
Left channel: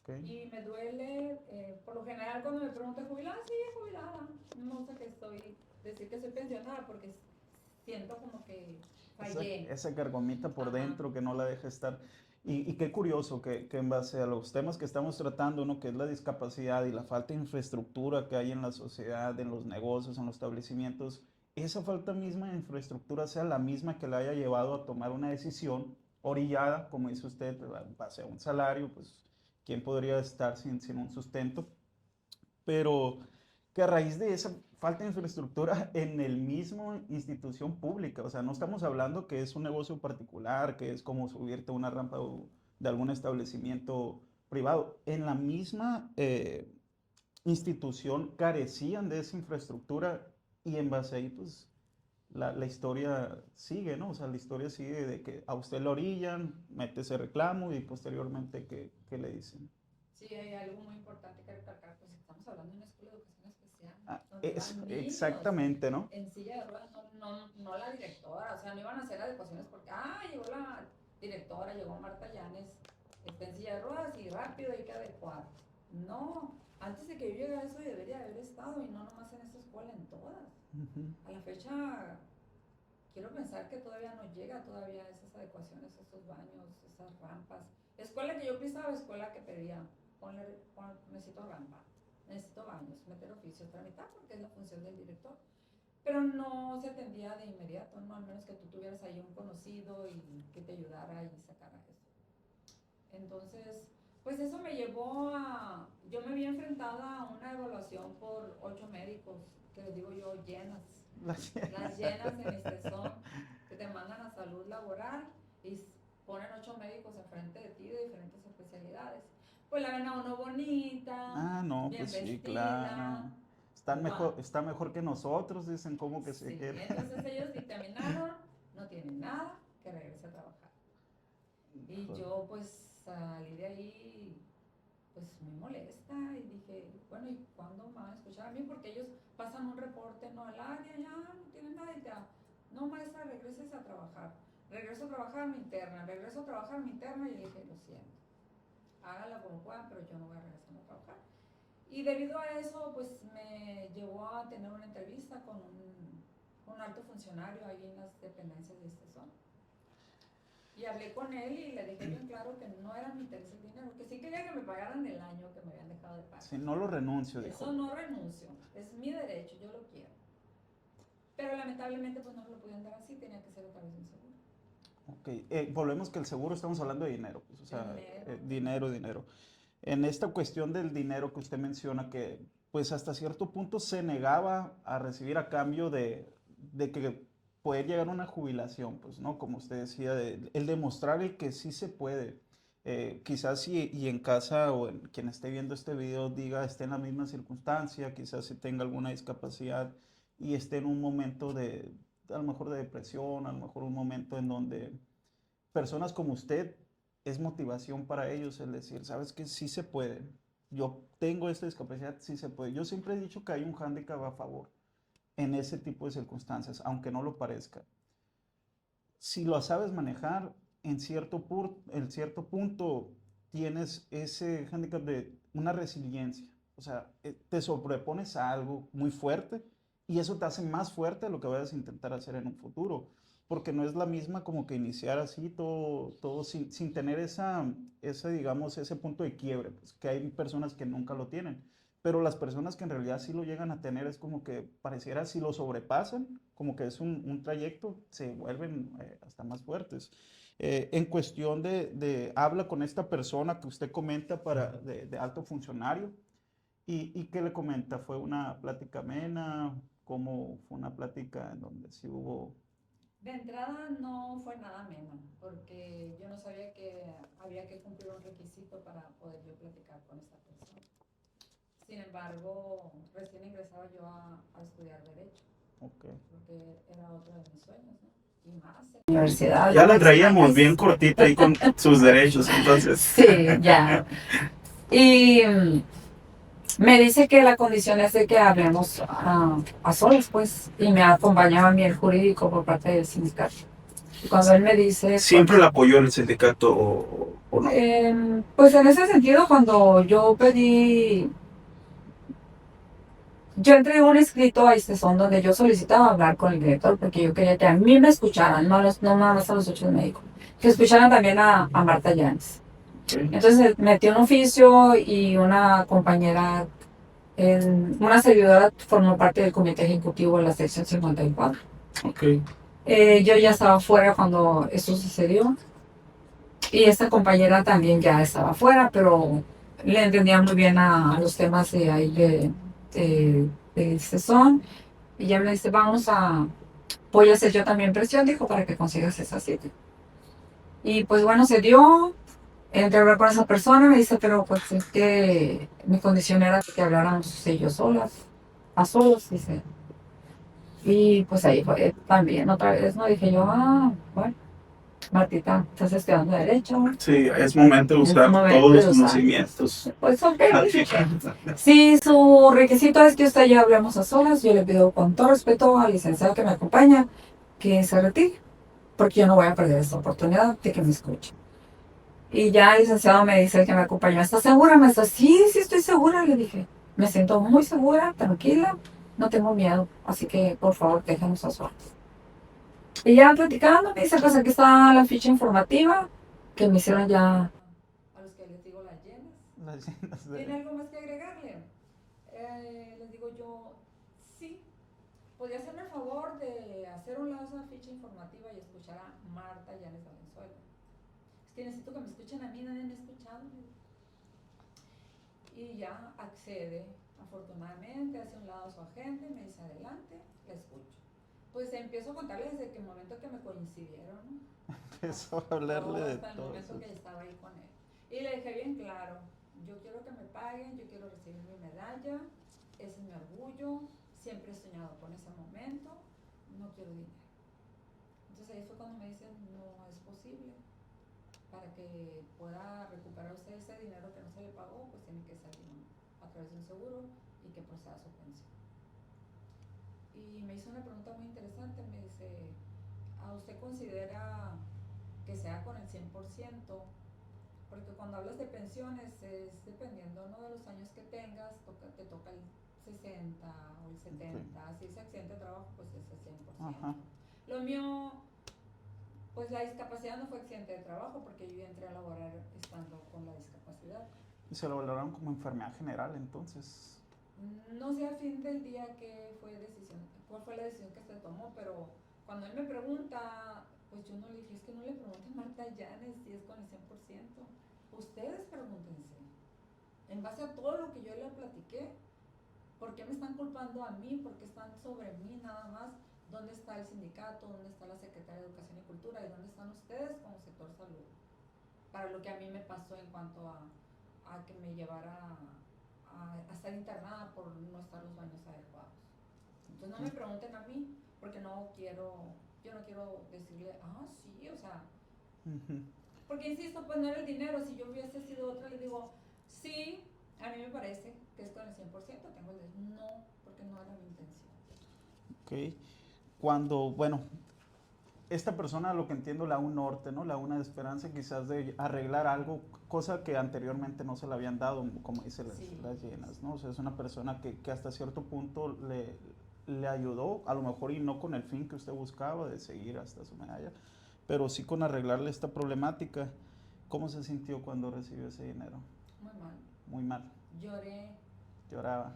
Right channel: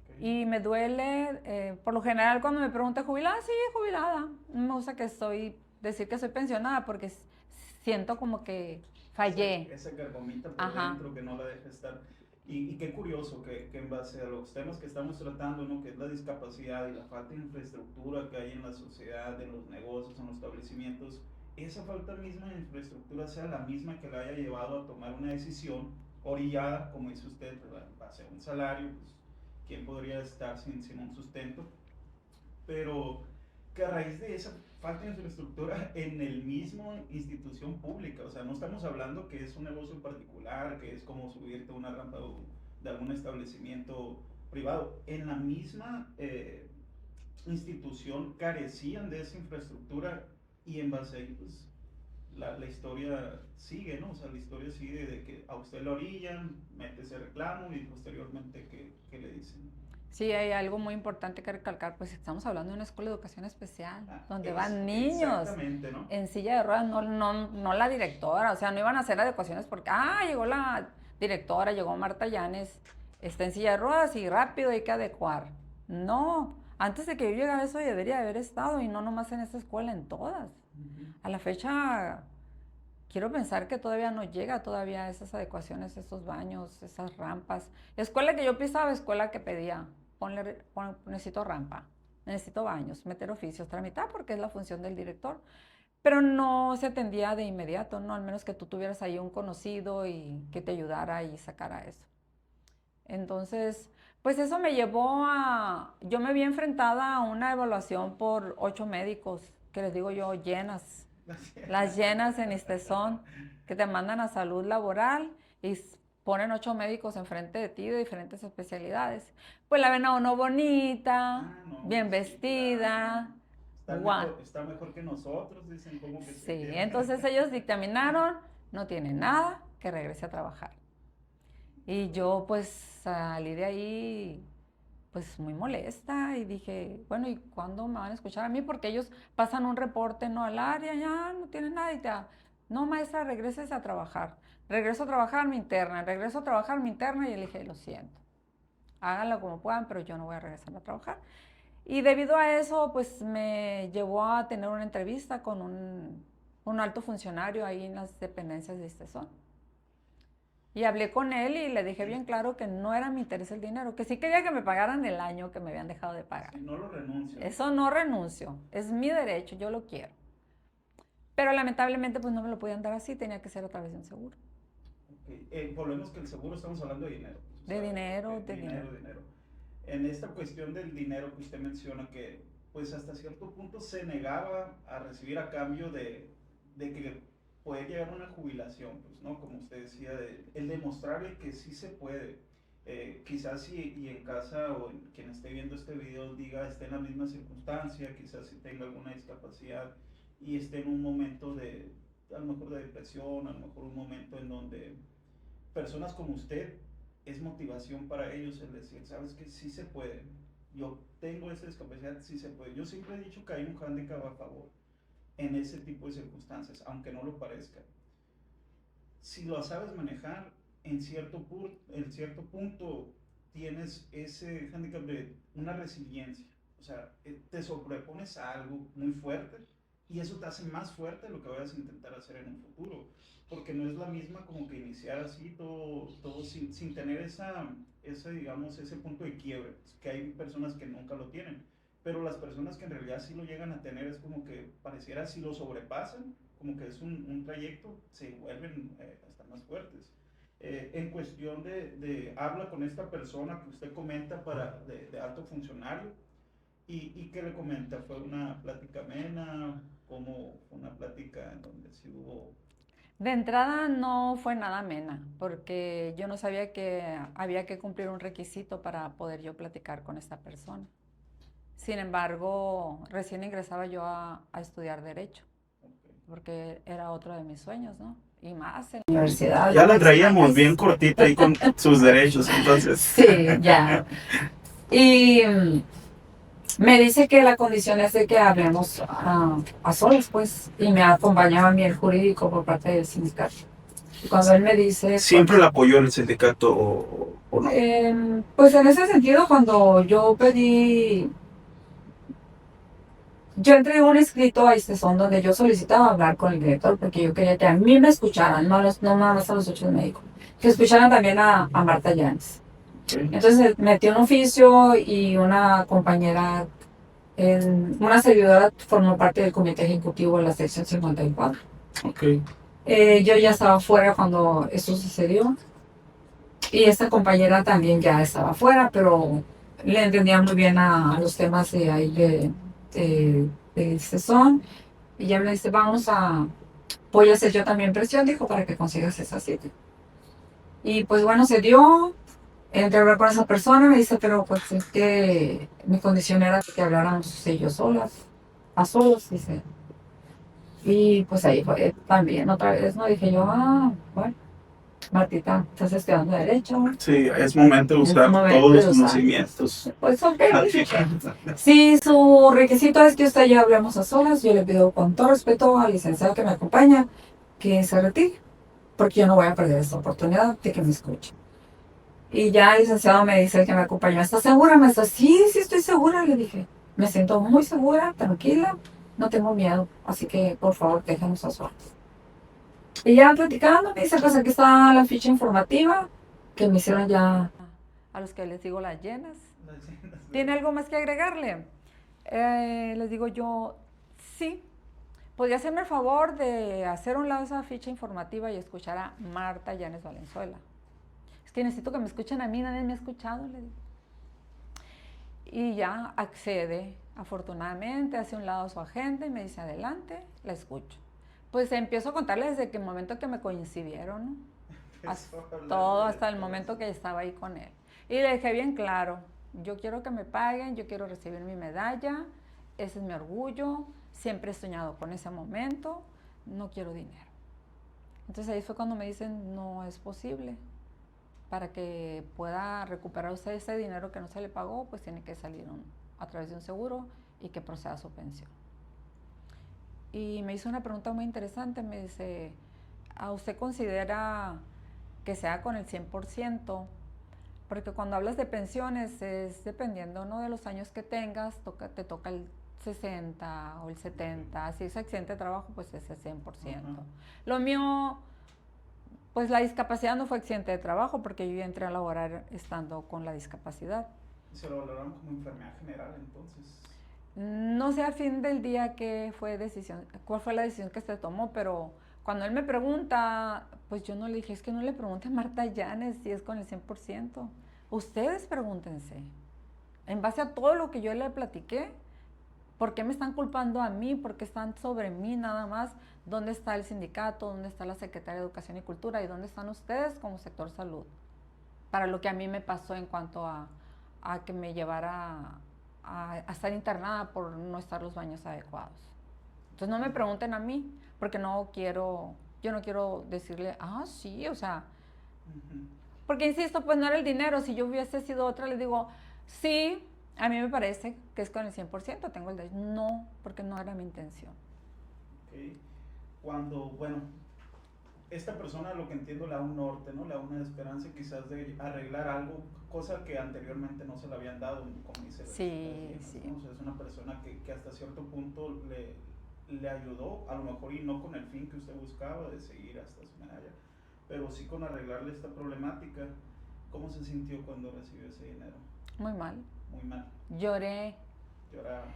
Okay. Y me duele, por lo general cuando me preguntan jubilada, sí, jubilada. No me gusta decir que soy pensionada porque siento como que fallé. Esa gargomita por Ajá. dentro que no la deja estar. Y qué curioso que en base a los temas que estamos tratando, ¿no? Que es la discapacidad y la falta de infraestructura que hay en la sociedad, en los negocios, en los establecimientos, esa falta misma de infraestructura sea la misma que la haya llevado a tomar una decisión orillada, como dice usted, en base a un salario, pues, ¿quién podría estar sin un sustento? Pero que a raíz de esa falta de infraestructura en el mismo institución pública, o sea, no estamos hablando que es un negocio particular, que es como subirte a una rampa de algún establecimiento privado, en la misma institución carecían de esa infraestructura y en base a ahí, pues, la historia sigue, ¿no? O sea, la historia sigue de que a usted lo orillan, mete ese reclamo y posteriormente, ¿qué le dicen? Sí, hay algo muy importante que recalcar, pues estamos hablando de una escuela de educación especial, donde van niños Exactamente, ¿no? en silla de ruedas, no la directora, o sea, no iban a hacer adecuaciones porque, llegó la directora, llegó Marta Llanes, está en silla de ruedas y rápido hay que adecuar. No, antes de que yo llegara eso debería de haber estado y no nomás en esta escuela, en todas. Ujú. A la fecha, quiero pensar que todavía no llega todavía esas adecuaciones, esos baños, esas rampas. Escuela que yo pisaba, escuela que pedía, necesito rampa, necesito baños, meter oficios, tramitar porque es la función del director. Pero no se atendía de inmediato, ¿no? Al menos que tú tuvieras ahí un conocido y que te ayudara y sacara eso. Entonces, pues eso me llevó yo me vi enfrentada a una evaluación por 8 médicos, que les digo yo, llenas. Las llenas en Istezón, que te mandan a salud laboral y ponen 8 médicos enfrente de ti de diferentes especialidades. Pues la ven a uno bonita, No, bien pues sí, vestida. claro. Está mejor que nosotros, dicen, ¿cómo que se Sí, quiere? entonces ellos dictaminaron, no tiene nada, que regrese a trabajar. Y yo pues salí de ahí pues muy molesta y dije, bueno, ¿y cuándo me van a escuchar a mí? Porque ellos pasan un reporte, no al área, ya no tienen nada y no maestra, regreses a trabajar. Regreso a trabajar, me internan, regreso a trabajar, me internan y le dije, lo siento, háganlo como puedan, pero yo no voy a regresar a trabajar. Y debido a eso, pues me llevó a tener una entrevista con un alto funcionario ahí en las dependencias de Istezón. Y hablé con él y le dije bien claro que no era mi interés el dinero, que sí quería que me pagaran el año que me habían dejado de pagar. Sí, no lo renuncio. Eso no renuncio, es mi derecho, yo lo quiero. Pero lamentablemente pues no me lo podían dar así, tenía que ser a través de un seguro. Ok, volvemos que el seguro estamos hablando de dinero. Pues, o de sea, dinero. Dinero. En esta cuestión del dinero que usted menciona, que pues hasta cierto punto se negaba a recibir a cambio de que puede llegar a una jubilación, pues, ¿no? Como usted decía, el demostrar el que sí se puede. Quizás y en casa o en quien esté viendo este video diga, esté en la misma circunstancia, quizás si tenga alguna discapacidad y esté en un momento a lo mejor de depresión, a lo mejor un momento en donde personas como usted es motivación para ellos el decir, sabes que sí se puede, yo tengo esta discapacidad, sí se puede. Yo siempre he dicho que hay un hándicap a favor en ese tipo de circunstancias, aunque no lo parezca. Si lo sabes manejar, en cierto punto tienes ese hándicap de una resiliencia. O sea, te sobrepones a algo muy fuerte y eso te hace más fuerte de lo que vayas a intentar hacer en un futuro. Porque no es la misma como que iniciar así todo sin tener digamos, ese punto de quiebre, pues, que hay personas que nunca lo tienen. Pero las personas que en realidad sí lo llegan a tener es como que pareciera si lo sobrepasan, como que es un trayecto, se vuelven hasta más fuertes. En cuestión habla con esta persona que usted comenta de alto funcionario, ¿y qué le comenta? ¿Fue una plática amena? ¿Cómo fue una plática en donde sí hubo? De entrada no fue nada amena, porque yo no sabía que había que cumplir un requisito para poder yo platicar con esta persona. Sin embargo, recién ingresaba yo a estudiar Derecho, Okay. porque era otro de mis sueños, ¿no? Y más en la universidad. Ya la traíamos bien cortita ahí con sus derechos, entonces. Sí, ya. Y me dice que la condición es de que hablemos a solos, pues, y me acompañaba a mí el jurídico por parte del sindicato. Y cuando él me dice... ¿Siempre le apoyó el sindicato o no? Pues en ese sentido, cuando yo pedí... Yo entregué un escrito a Istezón donde yo solicitaba hablar con el director porque yo quería que a mí me escucharan, no nada más a los 8 médicos, que escucharan también a Marta Llanes. Okay. Entonces metí un oficio y una compañera, una servidora formó parte del comité ejecutivo de la sección 54. Okay. Yo ya estaba fuera cuando esto sucedió y esta compañera también ya estaba fuera, pero le entendía muy bien a los temas de ahí de Istezón, y ella me dice, voy a hacer yo también presión, dijo, para que consigas esa cita. Y pues bueno, se dio, entré a hablar con esa persona, me dice, pero pues es que mi condición era que habláramos ellos solas, a solos, dice. Y pues ahí fue también otra vez, ¿no? Dije yo, bueno, Martita, estás estudiando Derecho. Sí, es momento de Es usar momento todos de los usar. conocimientos. Pues ok, si su requisito es que usted y yo hablemos a solas, yo le pido con todo respeto al licenciado que me acompaña que se retire, porque yo no voy a perder esta oportunidad de que me escuche. Y ya el licenciado me dice que me acompañó, ¿estás segura, maestra? Sí, sí estoy segura, le dije. Me siento muy segura, tranquila, no tengo miedo, así que por favor déjenos a solas. Y ya platicando, me dice, pues aquí está la ficha informativa que me hicieron ya a los que les digo las llenas. ¿Tiene algo más que agregarle? Les digo yo, sí. ¿Podría hacerme el favor de hacer un lado esa ficha informativa y escuchar a Marta Llanes Valenzuela? Es que necesito que me escuchen a mí, nadie me ha escuchado, le digo. Y ya accede, afortunadamente, hace un lado su agente y me dice, adelante, la escucho. Pues empiezo a contarle desde el momento que me coincidieron, ¿no? Hasta el momento que estaba ahí con él. Y le dejé bien claro, yo quiero que me paguen, yo quiero recibir mi medalla, ese es mi orgullo, siempre he soñado con ese momento, no quiero dinero. Entonces ahí fue cuando me dicen, no es posible. Para que pueda recuperar usted ese dinero que no se le pagó, pues tiene que salir a través de un seguro y que proceda su pensión. Y me hizo una pregunta muy interesante, me dice, ¿a usted considera que sea con el 100%? Porque cuando hablas de pensiones es dependiendo, ¿no?, de los años que tengas, te toca el 60 o el 70, si es accidente de trabajo, pues es el 100%. Ajá. Lo mío, pues la discapacidad no fue accidente de trabajo porque yo entré a laborar estando con la discapacidad. ¿Y se lo valoraron como enfermedad general entonces? No sé a fin del día cuál fue la decisión que se tomó, pero cuando él me pregunta, pues yo no le dije, es que no le pregunte a Marta Llanes si es con el 100%. Ustedes pregúntense. En base a todo lo que yo le platiqué, ¿por qué me están culpando a mí? ¿Por qué están sobre mí nada más? ¿Dónde está el sindicato? ¿Dónde está la Secretaría de Educación y Cultura? ¿Y dónde están ustedes como sector salud? Para lo que a mí me pasó en cuanto a que me llevara a estar internada por no estar los baños adecuados. Entonces no me pregunten a mí, porque yo no quiero decirle, sí, o sea, porque insisto, pues no era el dinero. Si yo hubiese sido otra, les digo, sí, a mí me parece que es con el 100%, tengo el derecho. No, porque no era mi intención. Ok. Cuando, bueno, esta persona, lo que entiendo, le da un norte, ¿no? Le da una esperanza quizás de arreglar algo, cosa que anteriormente no se le habían dado, como dice las llenas, sí. ¿No? O sea, es una persona que hasta cierto punto le ayudó, a lo mejor y no con el fin que usted buscaba de seguir hasta su medalla, pero sí con arreglarle esta problemática. ¿Cómo se sintió cuando recibió ese dinero? Muy mal. Muy mal. Lloré. Lloraba.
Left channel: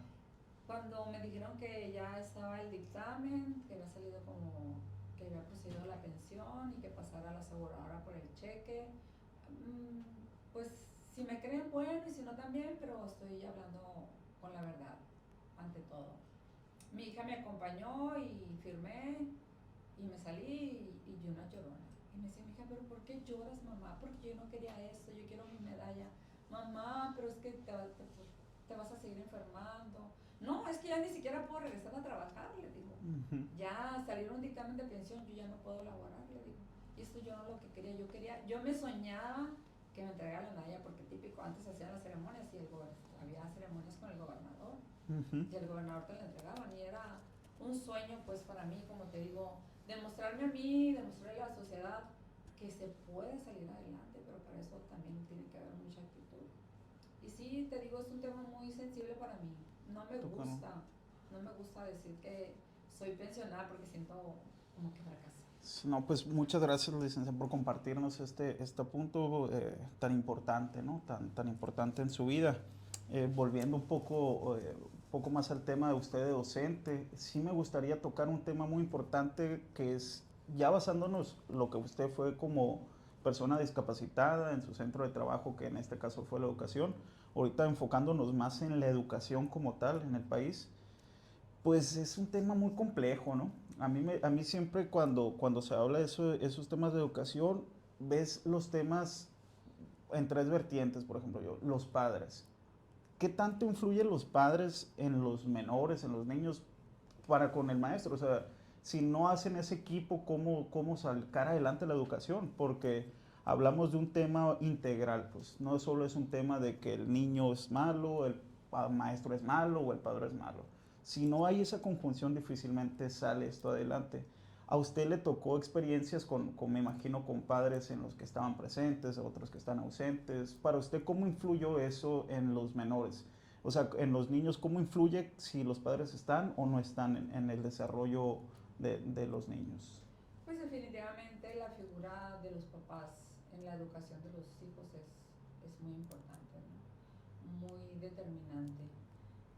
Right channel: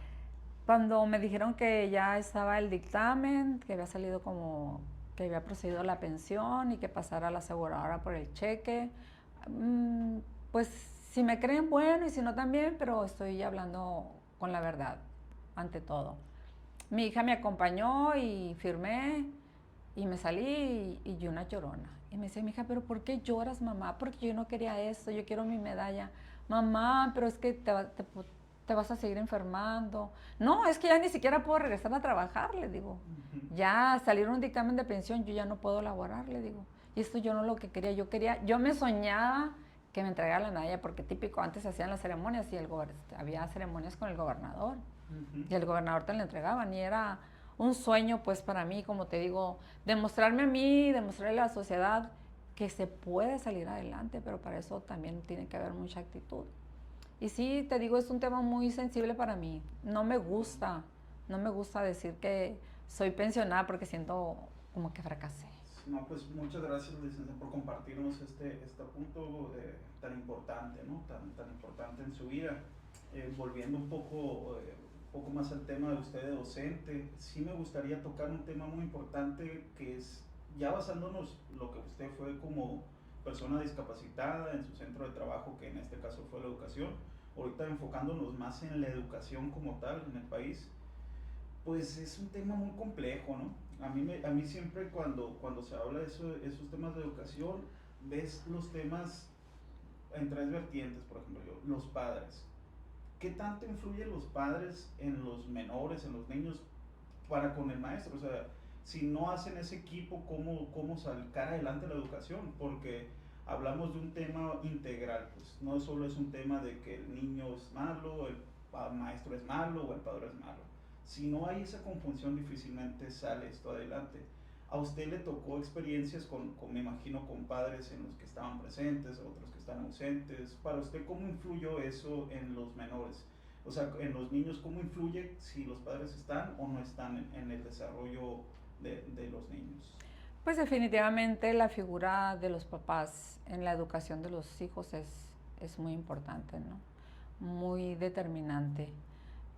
Cuando me dijeron que ya estaba el dictamen, que había salido que había procedido la pensión y que pasara a la aseguradora por el cheque, pues si me creen, bueno, y si no también, pero estoy hablando con la verdad, ante todo. Mi hija me acompañó y firmé y me salí y yo una llorona. Y me dice mi hija, ¿pero por qué lloras, mamá? Porque yo no quería esto, yo quiero mi medalla. Mamá, pero es que te vas a seguir enfermando. No, es que ya ni siquiera puedo regresar a trabajar, le digo. Ya salieron un dictamen de pensión, yo ya no puedo laborar, le digo. Y esto yo no lo que quería, yo me soñaba que me entregara la medalla, porque típico, antes hacían las ceremonias y había ceremonias con el gobernador. Y el gobernador te la entregaban y era un sueño pues para mí, como te digo, demostrarme a mí, demostrarle a la sociedad que se puede salir adelante, pero para eso también tiene que haber mucha actitud. Y sí, te digo, es un tema muy sensible para mí. No me gusta decir que soy pensionada porque siento como que fracasé. No, pues muchas gracias, licenciada, por compartirnos este punto tan importante, ¿no? Tan importante en su vida. Volviendo un poco más al tema de usted de docente, sí me gustaría tocar un tema muy importante que es, ya basándonos lo que usted fue como persona discapacitada en su centro de trabajo, que en este caso fue la educación, ahorita enfocándonos más en la educación como tal en el país, pues es un tema muy complejo, ¿no? A mí siempre cuando se habla de esos temas de educación, ves los temas en tres vertientes, por ejemplo, los padres. ¿Qué tanto influyen los padres en los menores, en los niños, para con el maestro? O sea, si no hacen ese equipo, ¿cómo sacar adelante la educación? Porque hablamos de un tema integral, pues no solo es un tema de que el niño es malo, el maestro es malo o el padre es malo. Si no hay esa conjunción, difícilmente sale esto adelante. A usted le tocó experiencias me imagino, con padres en los que estaban presentes, otros que están ausentes. Para usted, ¿cómo influyó eso en los menores? O sea, en los niños, ¿cómo influye si los padres están o no están en el desarrollo de los niños? Pues definitivamente la figura de los papás en la educación de los hijos es muy importante, ¿no? Muy determinante.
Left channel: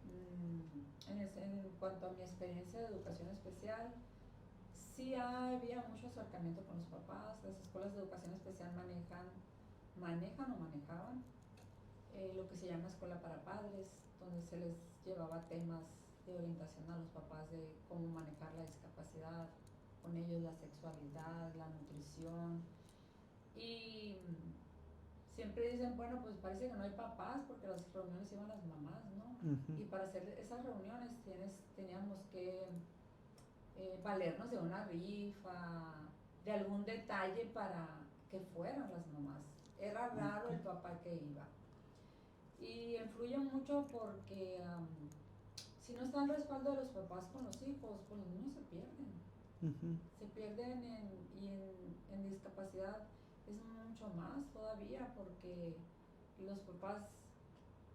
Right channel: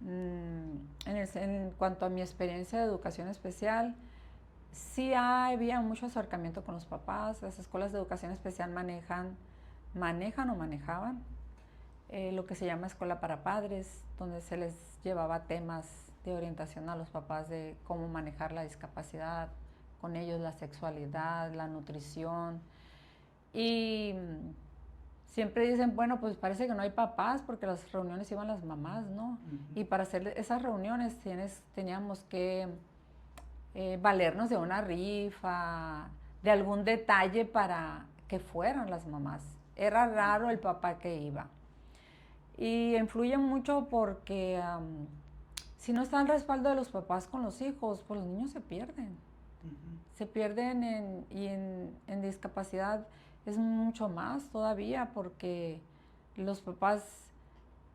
En cuanto a mi experiencia de educación especial, sí había mucho acercamiento con los papás. Las escuelas de educación especial manejan o manejaban lo que se llama escuela para padres, donde se les llevaba temas de orientación a los papás de cómo manejar la discapacidad con ellos, la sexualidad, la nutrición. Y siempre dicen, bueno, pues parece que no hay papás porque las reuniones iban las mamás, ¿no? Y para hacer esas reuniones teníamos que valernos de una rifa, de algún detalle para que fueran las mamás. Era raro el papá que iba. Y influye mucho porque si no está el respaldo de los papás con los hijos, pues los niños se pierden. Se pierden en discapacidad es mucho más todavía, porque los papás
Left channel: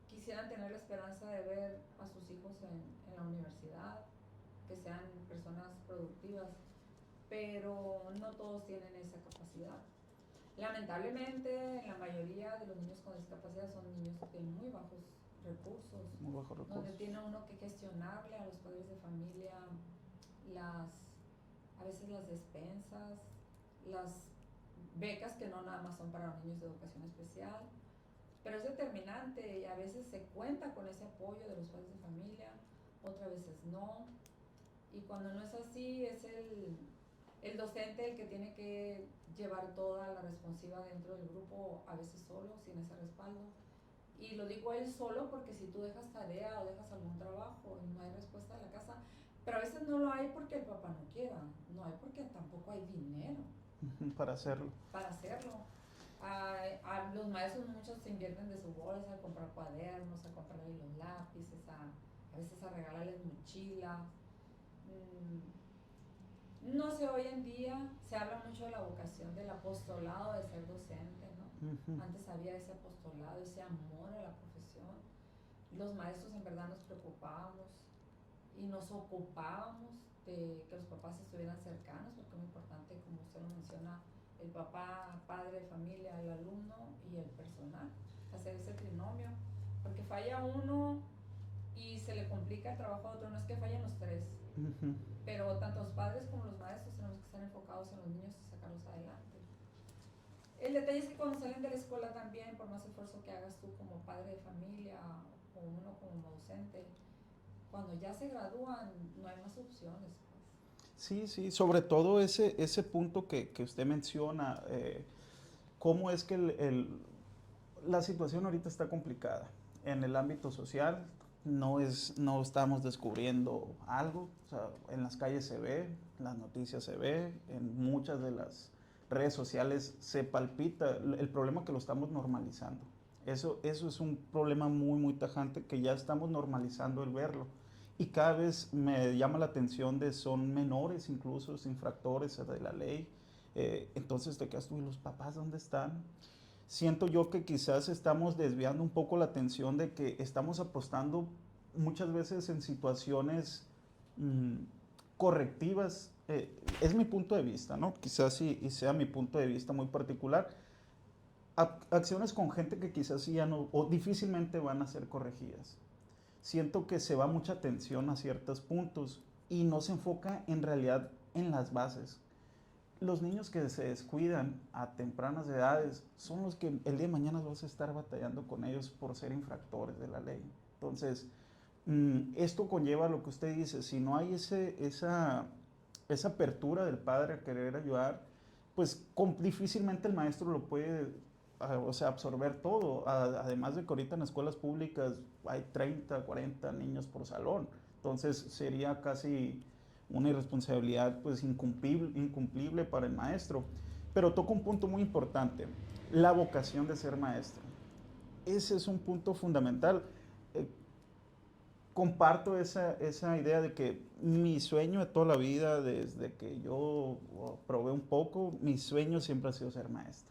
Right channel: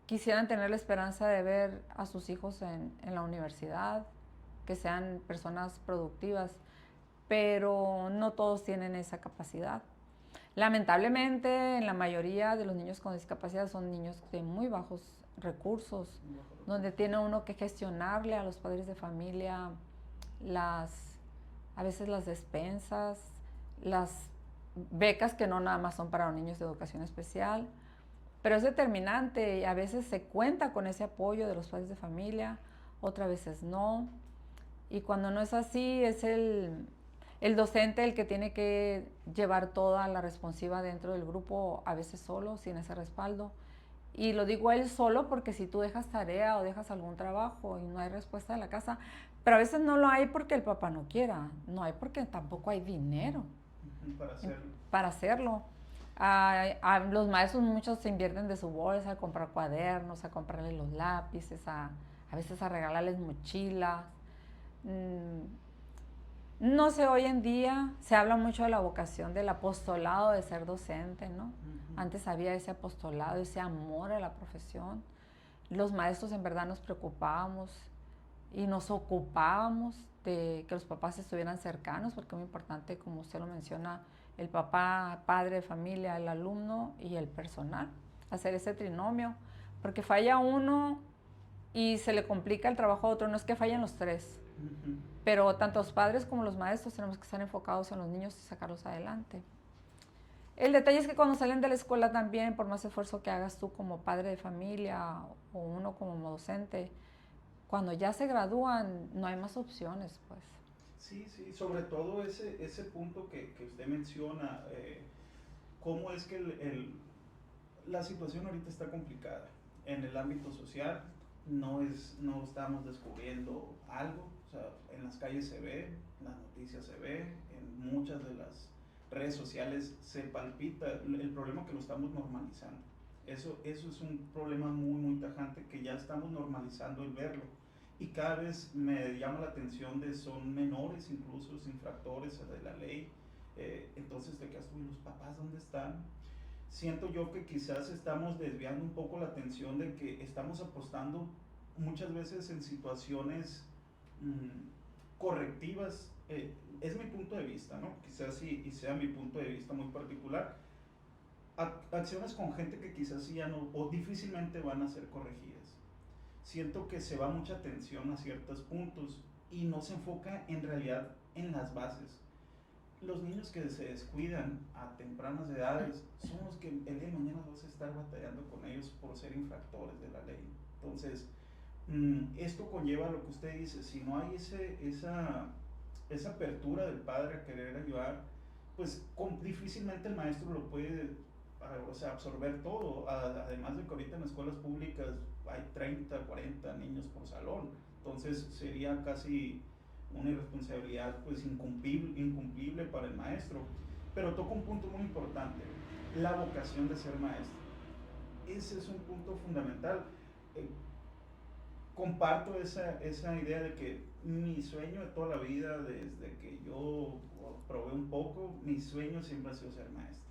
quisieran tener la esperanza de ver a sus hijos en la universidad, que sean personas productivas, pero no todos tienen esa capacidad. Lamentablemente, en la mayoría de los niños con discapacidad son niños de muy bajos recursos, donde tiene uno que gestionarle a los padres de familia a veces las despensas, las becas que no nada más son para los niños de educación especial, pero es determinante y a veces se cuenta con ese apoyo de los padres de familia, otras veces no. Y cuando no es así, es el docente el que tiene que llevar toda la responsiva dentro del grupo, a veces solo, sin ese respaldo. Y lo digo él solo porque si tú dejas tarea o dejas algún trabajo y no hay respuesta en la casa, pero a veces no lo hay porque el papá no quiera, no hay porque tampoco hay dinero para hacerlo. Los maestros muchos se invierten de su bolsa a comprar cuadernos, a comprarles los lápices, a veces a regalarles mochilas. No sé, hoy en día se habla mucho de la vocación del apostolado de ser docente, ¿no? Antes había ese apostolado, ese amor a la profesión. Los maestros en verdad nos preocupábamos y nos ocupábamos de que los papás estuvieran cercanos, porque es muy importante, como usted lo menciona, el papá, padre de familia, el alumno y el personal, hacer ese trinomio, porque falla uno y se le complica el trabajo a otro, no es que fallen los tres, pero tanto los padres como los maestros tenemos que estar enfocados en los niños y sacarlos adelante. El detalle es que cuando salen de la escuela también, por más esfuerzo que hagas tú como padre de familia o uno como docente, cuando ya se gradúan no hay más opciones, pues. Sí, sí, sobre todo ese punto que usted menciona, cómo es que la situación ahorita está complicada. En el ámbito social no estamos descubriendo algo, o sea, en las calles se ve, en las noticias se ve, en muchas de las redes sociales se palpita el problema, que lo estamos normalizando. Eso es un problema muy, muy tajante, que ya estamos normalizando el verlo. Y cada vez me llama la atención son menores, incluso infractores de la ley. Entonces te quedas tú, ¿y los papás dónde están? Siento yo que quizás estamos desviando un poco la atención, de que estamos apostando muchas veces en situaciones correctivas. Es mi punto de vista, ¿no? Quizás y sea mi punto de vista muy particular. Acciones con gente que quizás ya no, o difícilmente van a ser corregidas. Siento que se va mucha atención a ciertos puntos y no se enfoca en realidad en las bases. Los niños que se descuidan a tempranas edades son los que el día de mañana vas a estar batallando con ellos por ser infractores de la ley. Entonces, esto conlleva lo que usted dice: si no hay esa apertura del padre a querer ayudar, pues difícilmente el maestro lo puede, o sea, absorber todo. Además de que ahorita en escuelas públicas hay 30, 40 niños por salón, entonces sería casi una irresponsabilidad pues incumplible para el maestro. Pero toca un punto muy importante, la vocación de ser maestro. Ese es un punto fundamental. Eh, Comparto esa idea de que mi sueño de toda la vida, desde que yo probé un poco, mi sueño siempre ha sido ser maestro.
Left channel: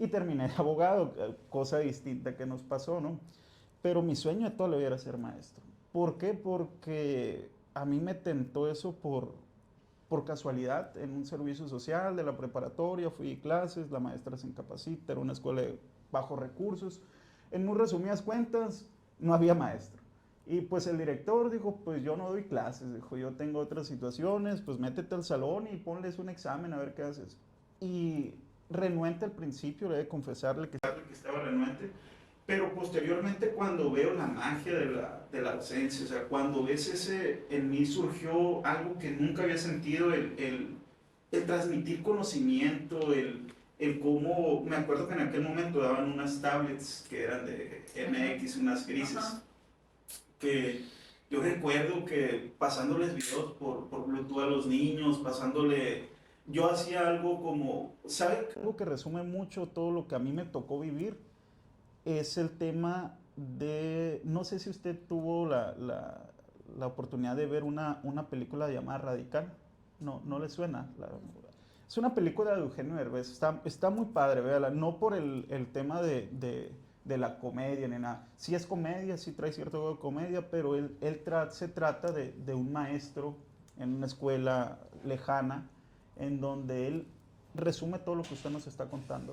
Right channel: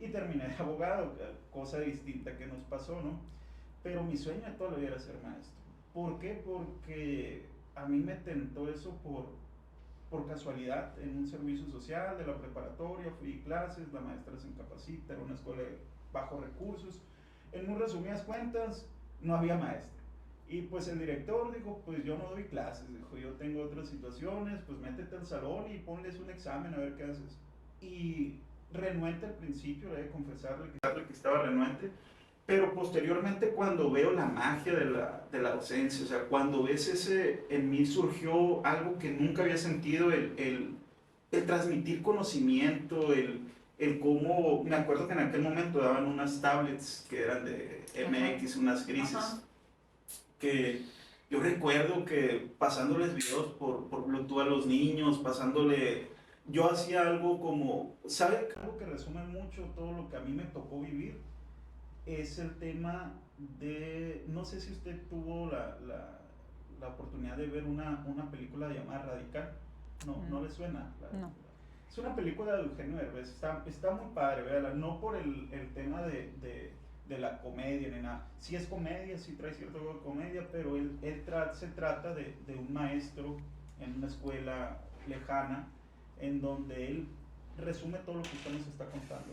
Y terminé de abogado, cosa distinta que nos pasó, ¿no? Pero mi sueño de toda la vida era ser maestro. ¿Por qué? Porque a mí me tentó eso por casualidad en un servicio social de la preparatoria, fui a clases, la maestra se incapacita, era una escuela de bajos recursos. En muy resumidas cuentas, no había maestro. Y pues el director dijo, pues yo no doy clases, dijo, yo tengo otras situaciones, pues métete al salón y ponles un examen a ver qué haces. Y renuente al principio, le he de confesarle que estaba renuente, pero posteriormente cuando veo la magia de la docencia, o sea, cuando ves en mí surgió algo que nunca había sentido, el transmitir conocimiento, el cómo, me acuerdo que en aquel momento daban unas tablets que eran de MX, unas grises. Ajá. Que yo recuerdo que pasándoles videos por Bluetooth a los niños, yo hacía algo como, ¿sabe? Algo que resume mucho todo lo que a mí me tocó vivir es el tema de, no sé si usted tuvo la oportunidad de ver una película llamada Radical, no le suena. No. Es una película de Eugenio Derbez, está muy padre, véala, no por el tema de la comedia ni nada. Sí es comedia, sí trae cierto de comedia, pero se trata de un maestro en una escuela lejana en donde él resume todo lo que usted nos está contando.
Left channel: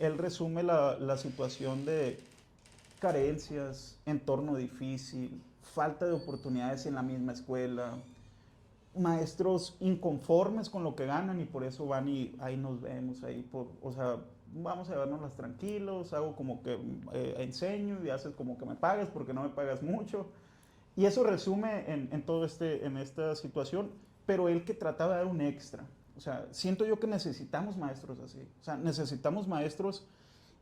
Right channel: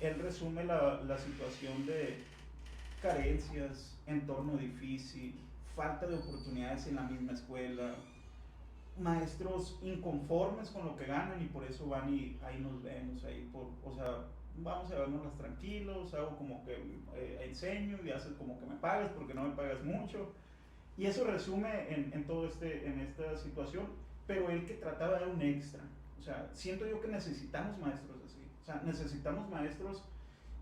Él resume la situación de carencias, entorno difícil, falta de oportunidades en la misma escuela, maestros inconformes con lo que ganan y por eso van y ahí nos vemos, o sea, vamos a vernoslas tranquilos, hago como que enseño y haces como que me pagas porque no me pagas mucho. Y eso resume en esta situación, pero él que trataba de dar un extra. O sea, siento yo que necesitamos maestros así. O sea, necesitamos maestros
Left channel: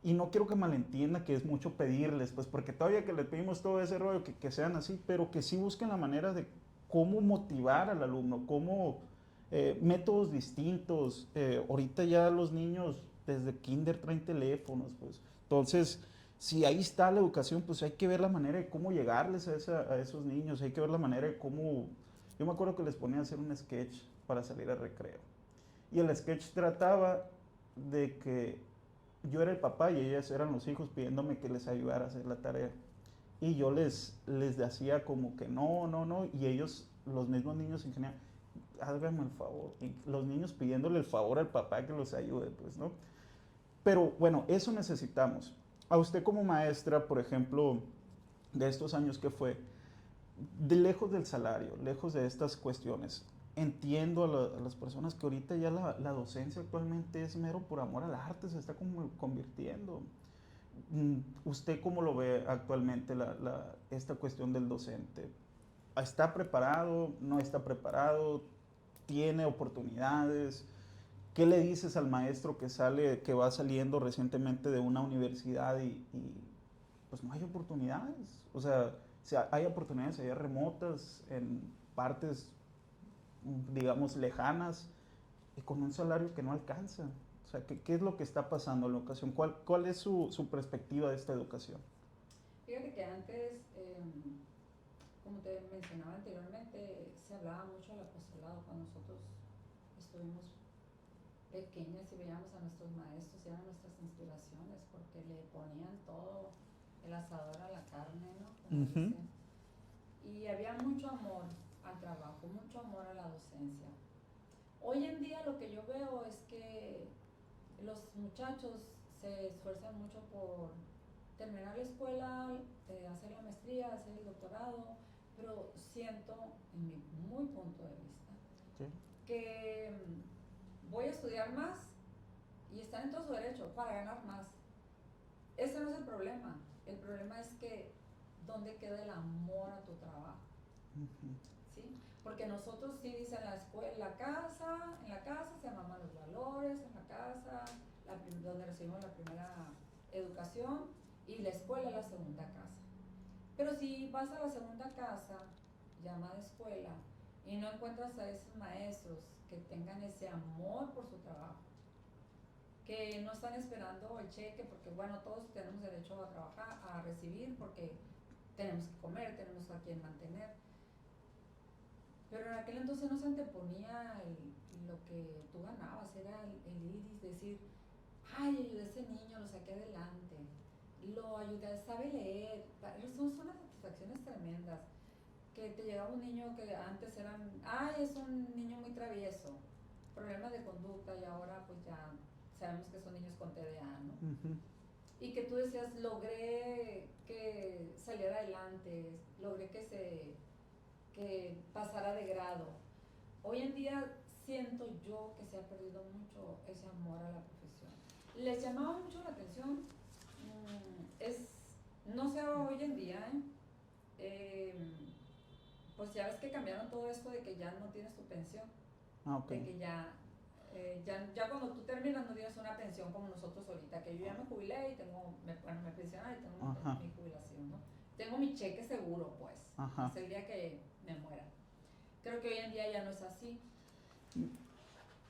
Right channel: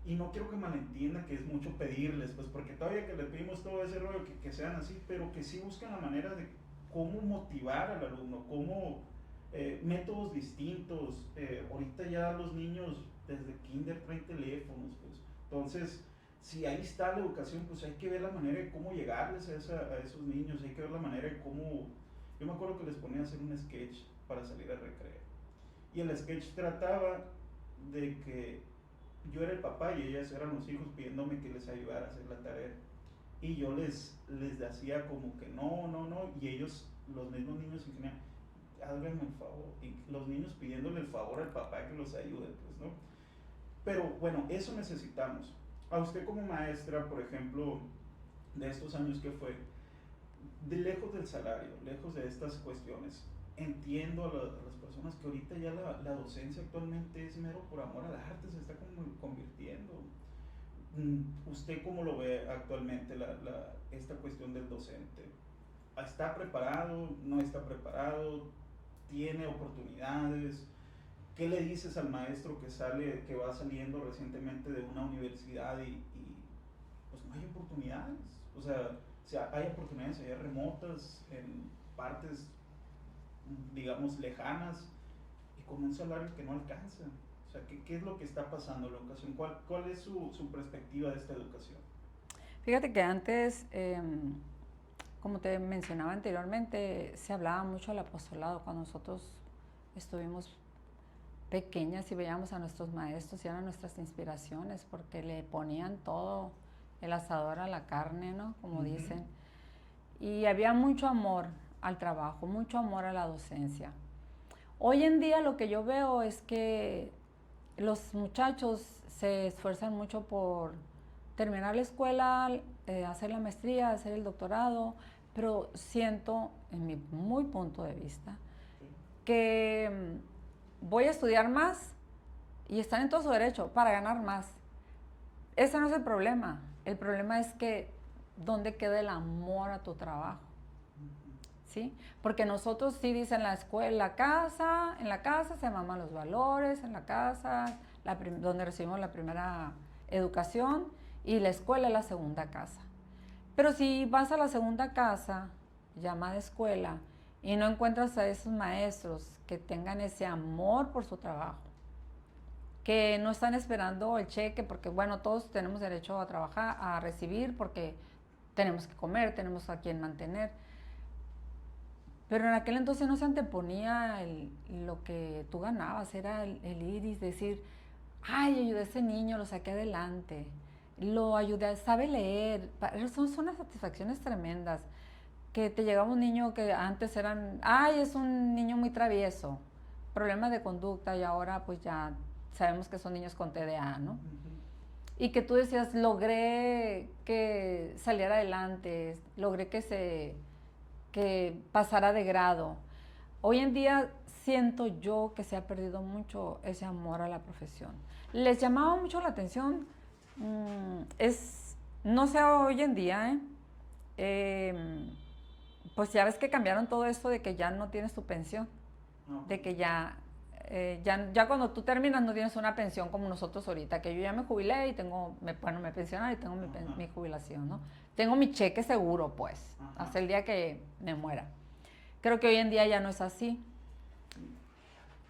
y no quiero que malentienda que es mucho pedirles, pues porque todavía que le pedimos todo ese rollo, que sean así, pero que sí busquen la manera de cómo motivar al alumno, cómo métodos distintos. Ahorita ya los niños desde kinder traen teléfonos, pues. Entonces, si ahí está la educación, pues hay que ver la manera de cómo llegarles a esos niños, hay que ver la manera de cómo... Yo me acuerdo que les ponía a hacer un sketch para salir al recreo. Y el sketch trataba de que yo era el papá y ellas eran los hijos pidiéndome que les ayudara a hacer la tarea. Y yo les hacía como que no, y ellos, los mismos niños en general, háganme el favor. Y los niños pidiéndole el favor al papá que los ayude, pues, ¿no? Pero bueno, eso necesitamos. A usted como maestra, por ejemplo, de estos años que fue, de lejos del salario, lejos de estas cuestiones, entiendo a las personas que ahorita ya la docencia actualmente es mero por amor al arte, se está como convirtiendo. ¿Usted cómo lo ve actualmente esta cuestión del docente? ¿Está preparado? ¿No está preparado? ¿Tiene oportunidades? ¿Qué le dices al maestro que va saliendo recientemente de una universidad y pues no hay oportunidades? O sea, hay oportunidades allá remotas, en partes, digamos, lejanas, y con un salario que no alcanza. O sea, ¿qué es lo que está pasando en la educación? ¿Cuál es su perspectiva de esta educación? Fíjate que antes, como te mencionaba anteriormente, se hablaba mucho del apostolado. Cuando nosotros estuvimos pequeñas y veíamos a nuestros maestros y eran nuestras inspiraciones porque le ponían todo el asador a la carne, ¿no? Como dicen. Y había mucho amor al trabajo, mucho amor a la docencia. Hoy en día lo que yo veo es que los muchachos se esfuerzan mucho por terminar la escuela, hacer la maestría, hacer el doctorado, pero siento, en mi muy punto de vista, que voy a estudiar más y están en todo su derecho para ganar más. Ese no es el problema. El problema es que ¿dónde queda el amor a tu trabajo? ¿Sí? Porque nosotros sí dicen la escuela, en la casa se maman los valores, en la casa, donde recibimos la primera educación, y la escuela es la segunda casa. Pero si vas a la segunda casa, llamada escuela, y no encuentras a esos maestros que tengan ese amor por su trabajo, que no están esperando el cheque, porque bueno, todos tenemos derecho a trabajar, a recibir, porque tenemos que comer, tenemos a quien mantener. Pero en aquel entonces no se anteponía lo que tú ganabas, era el ir y decir, ay, ayudé a ese niño, lo saqué adelante, lo ayudé, sabe leer. Son unas satisfacciones tremendas. Que te llegaba un niño que antes eran, ay, es un niño muy travieso, problemas de conducta, y ahora pues ya sabemos que son niños con TDA, ¿no? Ujú. Y que tú decías, logré que saliera adelante, logré que pasara de grado. Hoy en día siento yo que se ha perdido mucho ese amor a la profesión. Les llamaba mucho la atención, no sé hoy en día, pues ya ves que cambiaron todo esto de que ya no tienes tu pensión, Okay. de que ya cuando tú terminas no tienes una pensión como nosotros ahorita, que yo ya me jubilé y tengo, me pensioné y tengo mi jubilación, ¿no? Tengo mi cheque seguro, pues, Ajá. hasta el día que me muera. Creo que hoy en día ya no es así.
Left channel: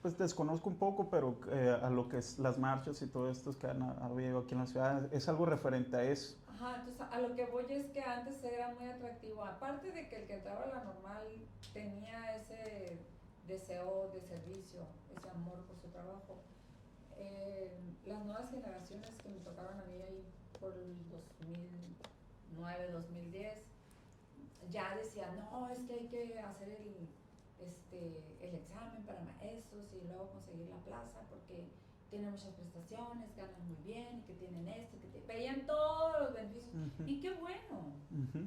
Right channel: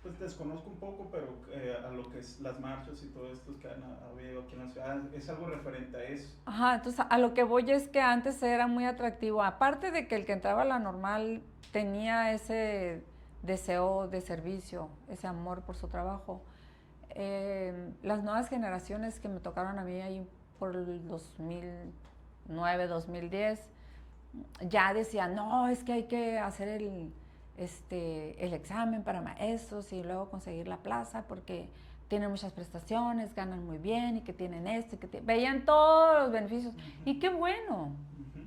Pues desconozco un poco, pero a lo que es las marchas y todo esto que han habido aquí en la ciudad, es algo referente a eso. Ajá, entonces a lo que voy es que antes era muy atractivo, aparte de que el que entraba a la normal tenía ese deseo de servicio, ese amor por su trabajo. Las nuevas generaciones que me tocaron a mí ahí por el 2009, 2010, ya decían, no, es que hay que hacer el examen para maestros y luego conseguir la plaza porque tienen muchas prestaciones, ganan muy bien y que tienen esto, veían todos los beneficios. Y qué bueno,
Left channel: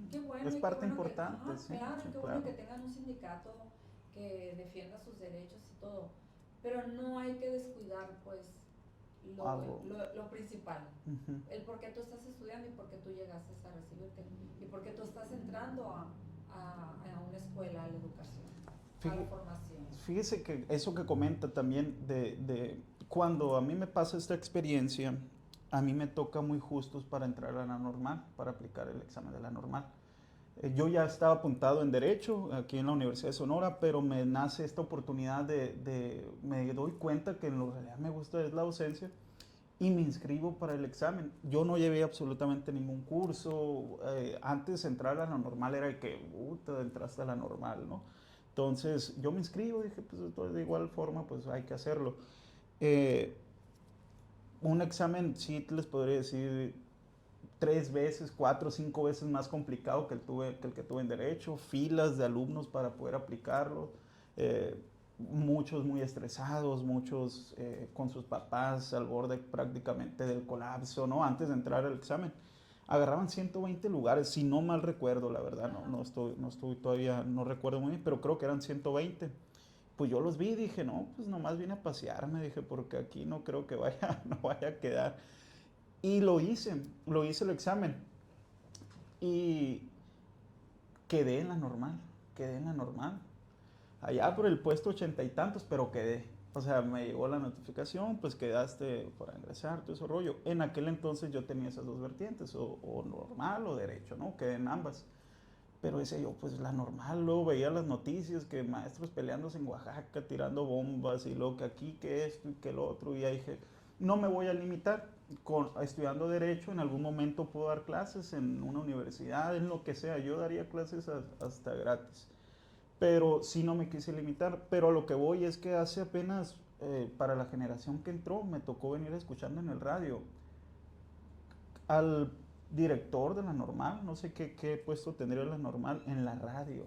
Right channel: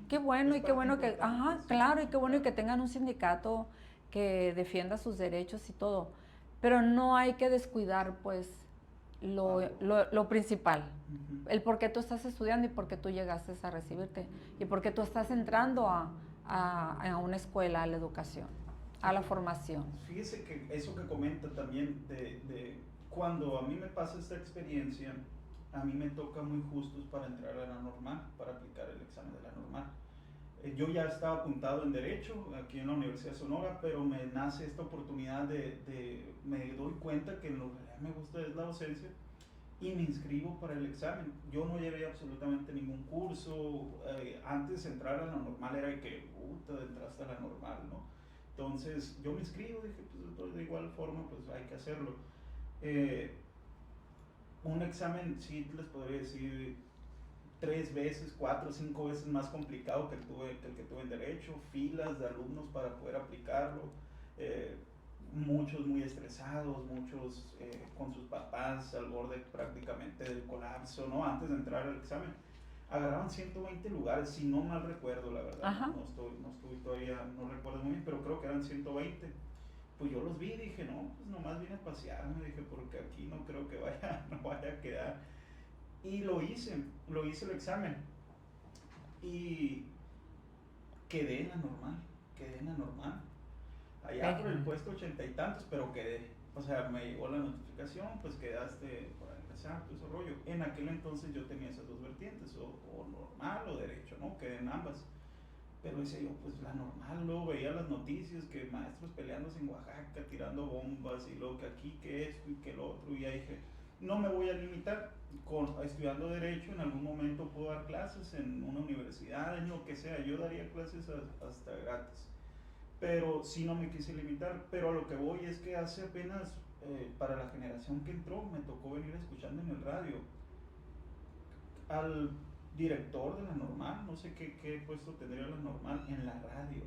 qué bueno, Es y qué bueno que, importante, sí, claro, y qué bueno claro. que tengan un sindicato que defienda sus derechos y todo. Pero no hay que descuidar, pues, lo principal, el por qué tú estás estudiando y por qué tú llegaste a recibirte y por qué tú estás entrando a una escuela, a la educación, a la formación. Fíjese que eso que comenta también de cuando a mí me pasa esta experiencia, a mí me toca muy justos para entrar a la normal, para aplicar el examen de la normal. Yo ya estaba apuntado en Derecho aquí en la Universidad de Sonora, pero me nace esta oportunidad me doy cuenta que en lo que realidad me gusta es la docencia y me inscribo para el examen. Yo no llevé absolutamente ningún curso. Antes de entrar a la normal era de que, entraste a la normal, ¿no? Entonces yo me inscribo, dije, pues de igual forma, pues hay que hacerlo. Eh, un examen, sí les podría decir, 3 veces, 4, 5 veces más complicado que el que tuve en Derecho, filas de alumnos para poder aplicarlo, eh, muchos muy estresados, muchos con sus papás al borde prácticamente del colapso, ¿no? Antes de entrar al examen. Agarraban 120 lugares, si no mal recuerdo, la verdad, no estoy todavía, no recuerdo muy bien, pero creo que eran 120. Pues yo los vi y dije, no, pues nomás vine a pasearme, dije, porque aquí no creo que no vaya a quedar. Y lo hice el examen. Y quedé en la normal, quedé en la normal. Allá por el puesto 80 y tantos, pero quedé. O sea, me llegó la notificación, pues quedaste para ingresar, todo ese rollo. En aquel entonces yo tenía esas dos vertientes, o normal o derecho, ¿no? Quedé en ambas. Pero decía yo, pues la normal, luego veía las noticias que maestros peleándose en Oaxaca, tirando bombas, y luego que aquí, que esto y que lo otro, y ya dije, no me voy a limitar, estudiando Derecho, en algún momento puedo dar clases en una universidad, en lo que sea, yo daría clases hasta gratis, pero sí no me quise limitar, pero lo que voy es que hace apenas, para la generación que entró, me tocó venir escuchando en el radio al director de la normal, no sé qué puesto tendría la normal, en la radio,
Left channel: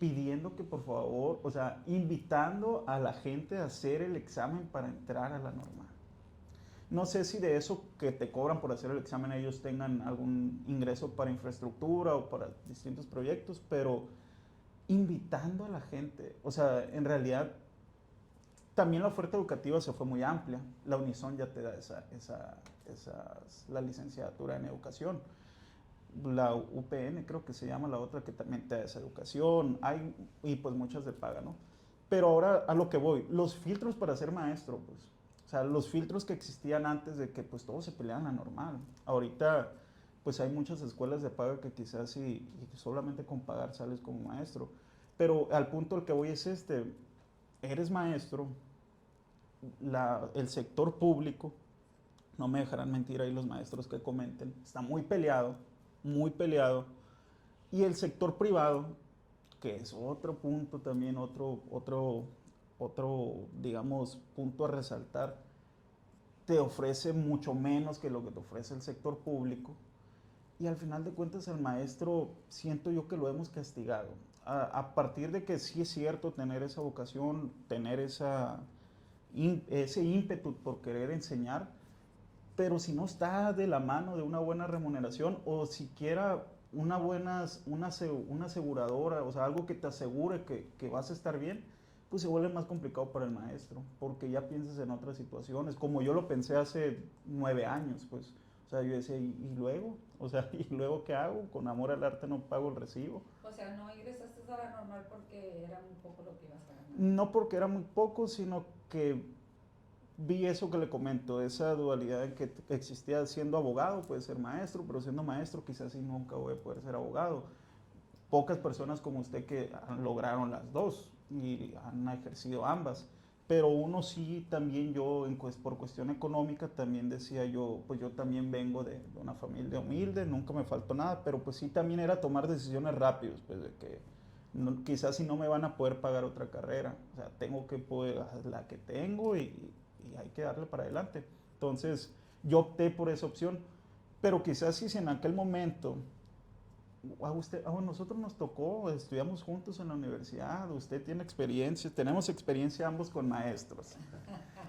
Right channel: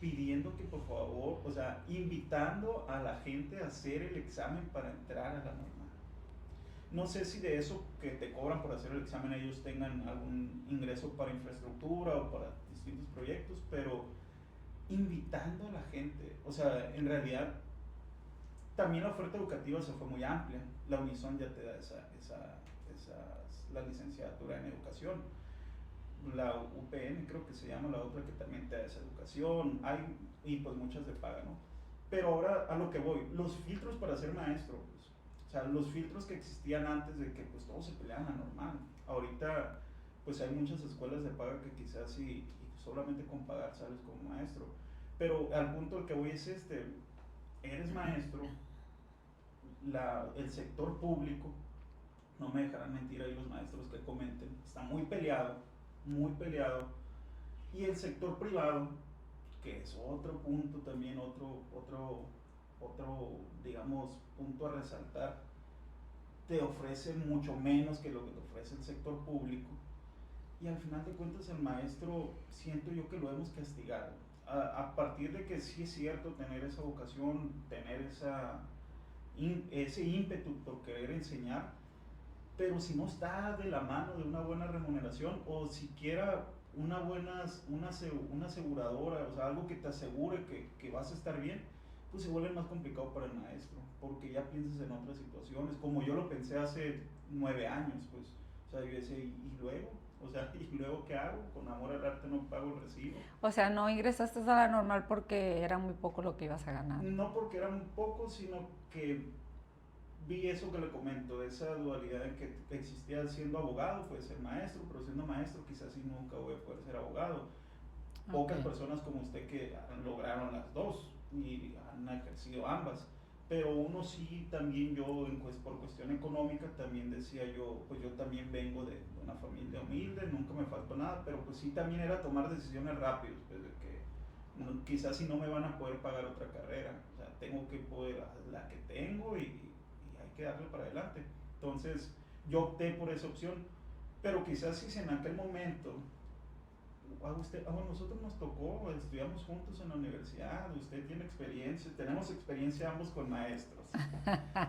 pidiendo que por favor, o sea, invitando a la gente a hacer el examen para entrar a la normal. No sé si de eso que te cobran por hacer el examen ellos tengan algún ingreso para infraestructura o para distintos proyectos, pero invitando a la gente, o sea, en realidad también la oferta educativa se fue muy amplia. La Unison ya te da la licenciatura en educación. La UPN creo que se llama la otra que también te da esa educación. Y pues muchas de paga, ¿no? Pero ahora a lo que voy, los filtros para ser maestro, pues. O sea, los filtros que existían antes de que pues todos se peleaban a normal. Ahorita pues hay muchas escuelas de paga que quizás y solamente con pagar sales como maestro. Pero al punto al que voy es eres maestro, el sector público, no me dejarán mentir ahí los maestros que comenten, está muy peleado, y el sector privado, que es otro punto también, otro, digamos, punto a resaltar, te ofrece mucho menos que lo que te ofrece el sector público, y al final de cuentas el maestro siento yo que lo hemos castigado. A partir de que sí es cierto tener esa vocación, tener ese ímpetu por querer enseñar, pero si no está de la mano de una buena remuneración o siquiera una aseguradora, o sea, algo que te asegure que vas a estar bien, pues se vuelve más complicado para el maestro, porque ya piensas en otras situaciones, como yo lo pensé hace 9 años, pues, o sea, yo decía, ¿y luego? O sea, ¿y luego qué hago? Con amor al arte no pago el recibo. O sea, no ingresaste a la normal porque era muy poco lo que ibas a ganar. No porque era muy poco, sino que vi eso que le comento, esa dualidad en que existía siendo abogado, puede ser maestro, pero siendo maestro quizás sí nunca voy a poder ser abogado. Pocas personas como usted que lograron las dos y han ejercido ambas, pero uno sí también yo, por cuestión económica, también decía yo, pues yo también vengo de una familia humilde, nunca me faltó nada, pero pues sí también era tomar decisiones rápidas, pues de que quizás si no me van a poder pagar otra carrera, o sea, tengo que poder la que tengo y hay que darle para adelante. Entonces yo opté por esa opción, pero quizás si en aquel momento a nosotros nos tocó, estudiamos juntos en la universidad, usted tiene experiencia, tenemos experiencia ambos con maestros.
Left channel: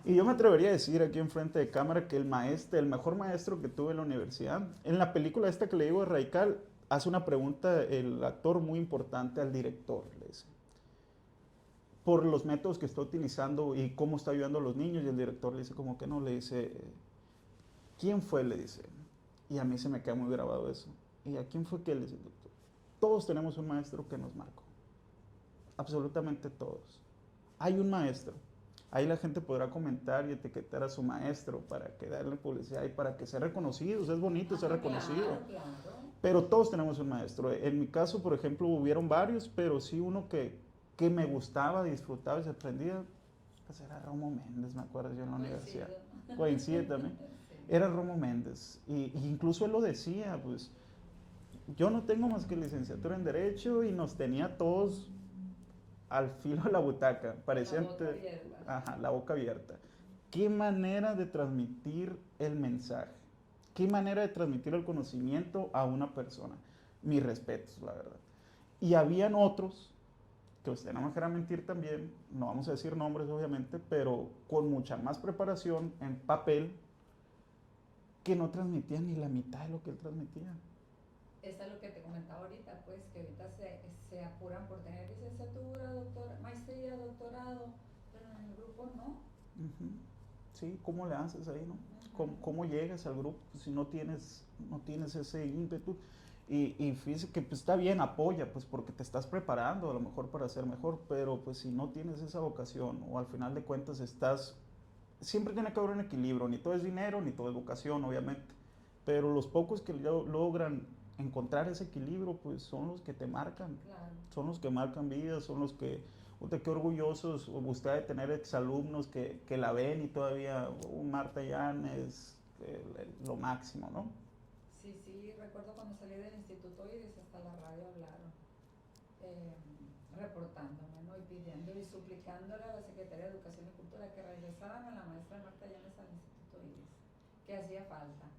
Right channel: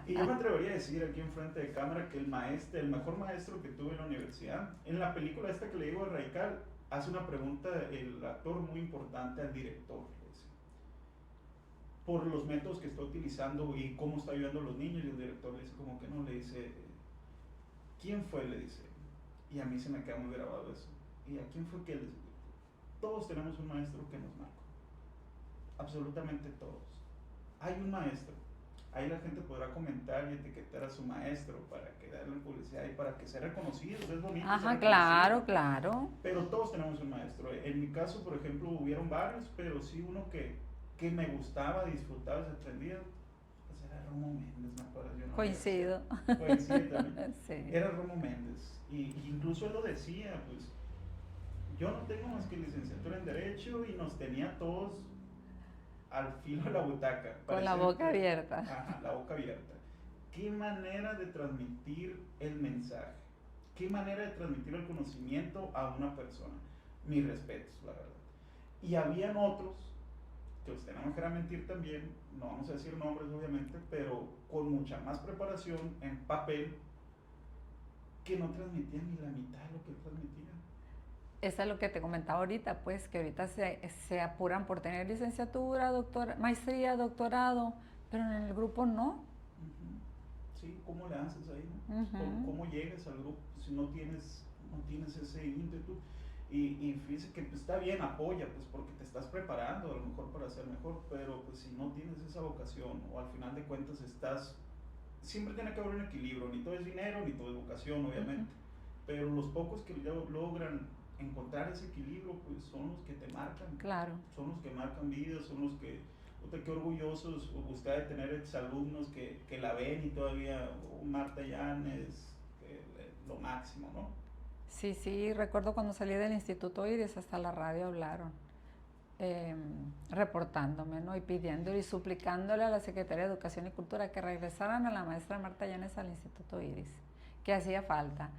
Y yo me atrevería a decir aquí enfrente de cámara que el mejor maestro que tuve en la universidad, en la película esta que le digo a Raical, hace una pregunta el actor muy importante al director, le dice, por los métodos que está utilizando y cómo está ayudando a los niños, y el director le dice como que no, le dice, ¿quién fue? Le dice, y a mí se me queda muy grabado eso. ¿Y a quién fue que les dijo? Todos tenemos un maestro que nos marcó. Absolutamente todos. Hay un maestro. Ahí la gente podrá comentar y etiquetar a su maestro para que darle publicidad y para que sea reconocido. Es bonito ser reconocido. Claro, claro. Pero todos tenemos un maestro. En mi caso, por ejemplo, hubieron varios, pero sí uno que me gustaba, disfrutaba y se aprendía. Pues era Romo Méndez, me acuerdo yo en la Coincido. Coincido también. Sí. Era Romo Méndez. Y incluso él lo decía, pues, yo no tengo más que licenciatura en Derecho y nos tenía todos al filo de la butaca. Con la boca abierta. Ajá, la boca abierta. Qué manera de transmitir el mensaje. Qué manera de transmitir el conocimiento a una persona. Mis respetos, la verdad. Y habían otros, que usted no me dejará mentir también, no vamos a decir nombres obviamente, pero con mucha más preparación en papel, que no transmitían ni la mitad de lo que él transmitía. Eso es lo que te comentaba ahorita, pues, que ahorita se apuran por tener licenciatura, maestría, doctorado, pero en el grupo no. Sí, ¿cómo le haces ahí, no? ¿Cómo llegas al grupo si no tienes ese ímpetu? Y fíjese que pues, está bien, apoya, pues porque te estás preparando a lo mejor para ser mejor, pero pues si no tienes esa vocación o al final de cuentas siempre tiene que haber un equilibrio, ni todo es dinero, ni todo es vocación, obviamente, pero los pocos que logran encontrar ese equilibrio, pues son los que te marcan. Claro. Son los que marcan vidas, son los que, qué orgullosos usted de tener exalumnos que la ven y todavía, Marta Llanes, lo máximo, ¿no? Sí, sí, recuerdo cuando salí del Instituto Iris, hasta la radio hablaron, reportándome, ¿no? Y pidiendo y suplicándole a la Secretaría de Educación y Cultura que regresaran a la maestra Marta Llanes al Instituto Iris, que hacía falta.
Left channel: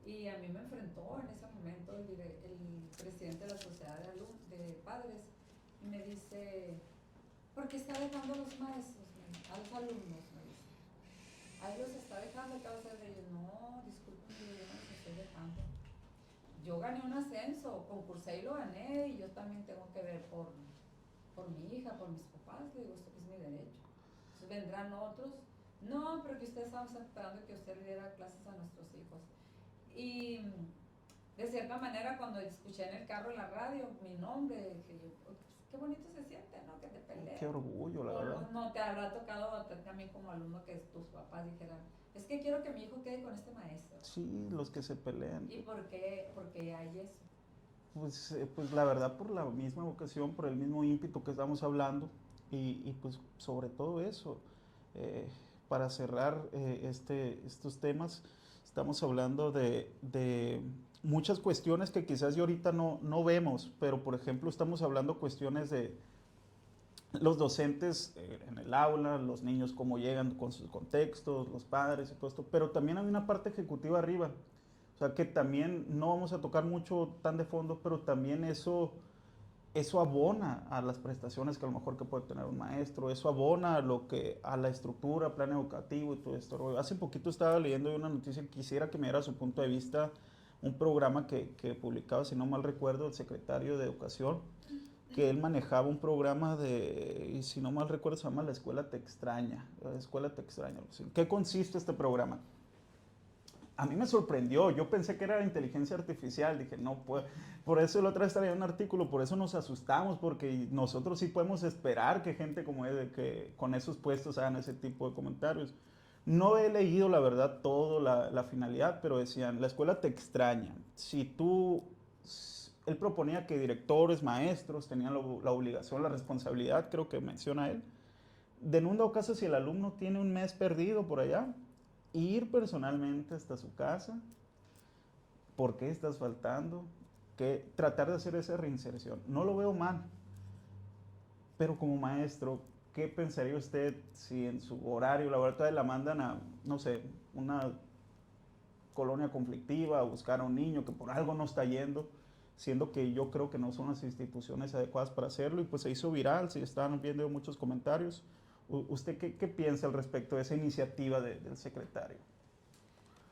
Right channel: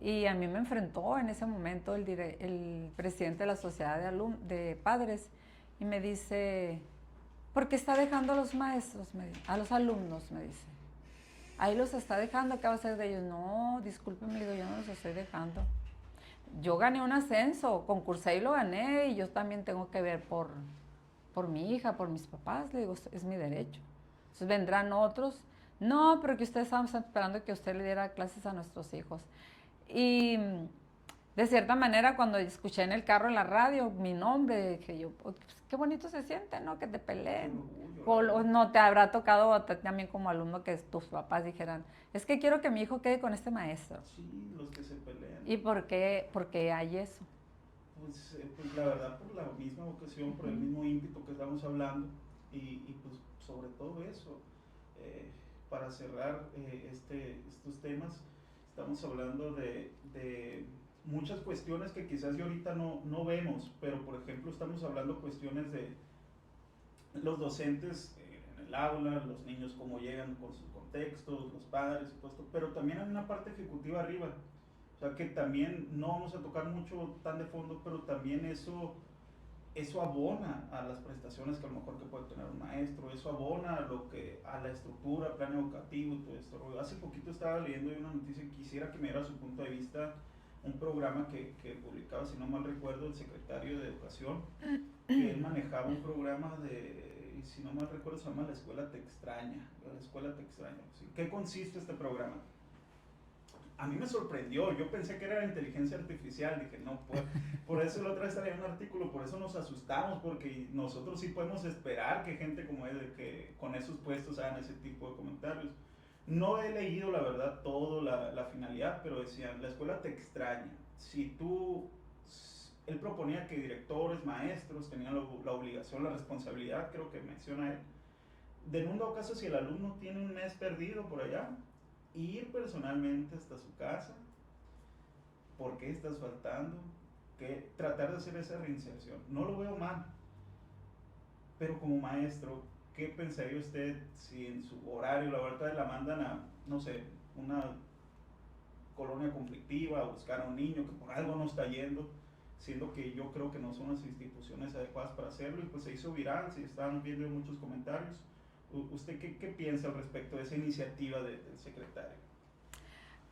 Y a mí me enfrentó en ese momento el presidente de la sociedad de padres y me dice, ¿por qué está dejando a los maestros? A los alumnos, me dice. Ahí los está dejando, ¿qué va a hacer de ellos? No, discúlpeme, le digo, yo no los estoy dejando. Yo gané un ascenso, concursé y lo gané y yo también tengo que ver por mi hija, por mis papás, le digo, es mi derecho. Entonces vendrán otros, no, pero que ustedes estamos esperando que usted le diera clases a nuestros hijos. Y de cierta manera, cuando escuché en el carro, en la radio, mi nombre, dije yo, pues, qué bonito se siente, ¿no? Que te peleen. Qué orgullo, O no te habrá tocado también como alumno que tus papás dijeran, es que quiero que mi hijo quede con este maestro. Sí, los que se pelean. ¿Y por qué hay eso? Pues la verdad por la misma vocación, por el mismo ímpetu que estamos hablando y pues sobre todo eso, eh, para cerrar estos temas, estamos hablando de muchas cuestiones que quizás y ahorita no vemos, pero por ejemplo estamos hablando cuestiones de los docentes en el aula, los niños cómo llegan con sus contextos, los padres y todo esto, pero también hay una parte ejecutiva arriba, o sea que también no vamos a tocar mucho tan de fondo, pero también eso abona a las prestaciones que a lo mejor que puede tener un maestro, eso abona a la estructura, plan educativo y todo esto. Hace poquito estaba leyendo una noticia que quisiera que me diera su punto de vista, un programa que publicaba, si no mal recuerdo, el secretario de Educación, que él manejaba un programa y si no mal recuerdo se llama La Escuela Te Extraña, La Escuela Te Extraña. ¿Qué consiste este programa? A mí me sorprendió, yo pensé que era inteligencia artificial, dije, no, pues, por eso la otra vez estaba en un artículo, por eso nos asustamos, porque nosotros sí podemos esperar que gente como él, que con esos puestos hagan ese tipo de comentarios. No he leído, la verdad, todo la finalidad, pero decían, la escuela te extraña. Si tú, él proponía que directores, maestros tenían la obligación, la responsabilidad, creo que menciona él, de en un dado caso si el alumno tiene un mes perdido por allá, ir personalmente hasta su casa, por qué estás faltando, que tratar de hacer esa reinserción. No lo veo mal, pero como maestro, ¿qué pensaría usted si en su horario laboral la mandan a, no sé, una colonia conflictiva, a buscar a un niño que por algo no está yendo, siendo que yo creo que no son las instituciones adecuadas para hacerlo y pues se hizo viral, se estaban viendo muchos comentarios. ¿Usted qué piensa al respecto de esa iniciativa del secretario?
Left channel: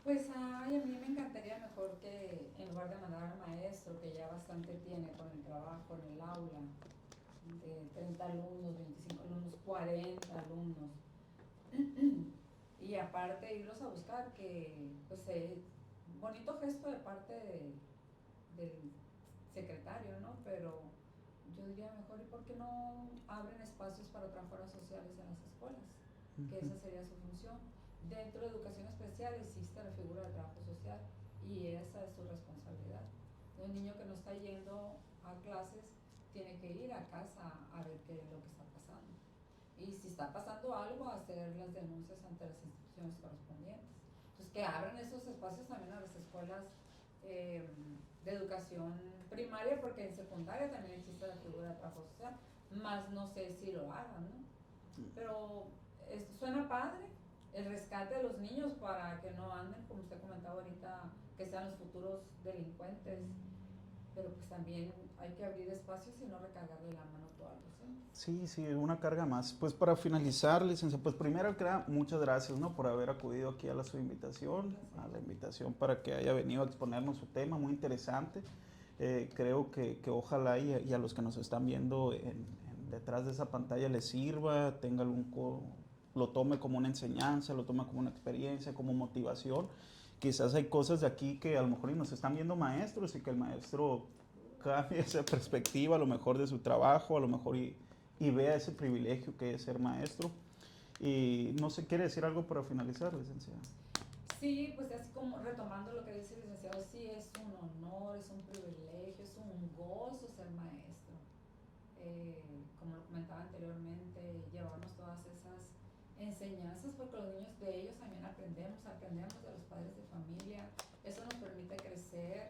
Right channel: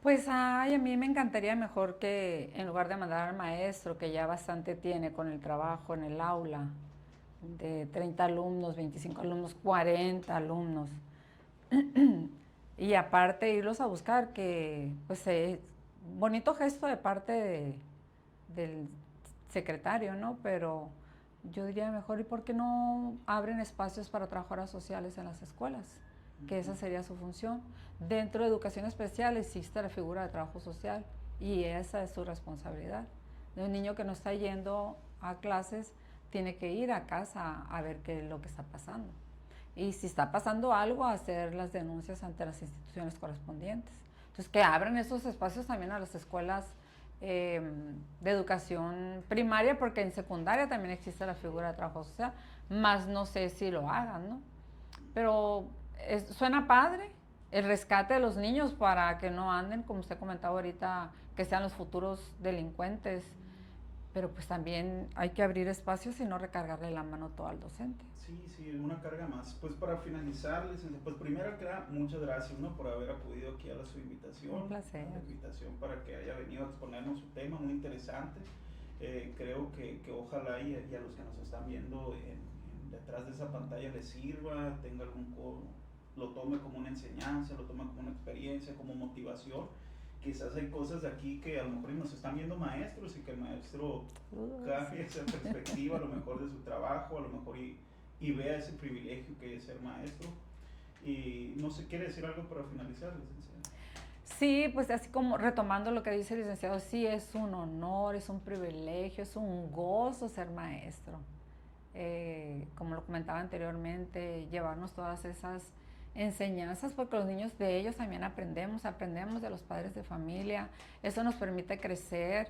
Pues ay, a mí me encantaría mejor que en lugar de mandar al maestro, que ya bastante tiene con el trabajo en el aula, de 30 alumnos, 25 alumnos, 40 alumnos, y aparte irlos a buscar, que pues bonito gesto de parte del secretario, ¿no? Pero yo diría mejor, ¿y por qué no abren espacios para trabajadoras sociales en las escuelas? Que esa sería su función. Dentro de educación especial existe la figura de trabajo social y esa es su responsabilidad. De un niño que no está yendo a clases, tiene que ir a casa a ver qué es lo que está pasando. Y si está pasando algo, hacer las denuncias ante las instituciones correspondientes. Entonces, que abran esos espacios también a las escuelas de educación primaria, porque en secundaria también existe la figura de trabajo social, más no sé si lo hagan, ¿no? Pero suena padre el rescate de los niños para que no anden, como usted comentaba ahorita, que sean los futuros delincuentes, pero pues también hay que abrir espacios y no recargarle la mano todo al docente. Sí, sí, una carga más. Pues para finalizar, licenciada, pues primero que nada, muchas gracias, ¿no? Por haber acudido aquí a su invitación. Un placer. A la invitación para que haya venido a exponernos su tema, muy interesante. Creo que ojalá y a los que nos están viendo detrás de esa pantalla les sirva, tenga lo tome como una enseñanza, lo tome como una experiencia, como motivación. Quizás hay cosas de aquí que a lo mejor nos están viendo maestros y que el maestro cambie esa perspectiva a lo mejor de su trabajo, a lo mejor y vea ese privilegio que es ser maestro. Y no sé, ¿quiere decir algo para finalizar, licenciada? Sí, pues así como retomando lo que dice el licenciado, sí es un honor, es un privilegio, es un gozo ser maestro. Como lo comentaba anteriormente, llevarnos todas esas enseñanzas, porque los niños de ellos también aprendemos de los padres de familia, eso nos permite crecer,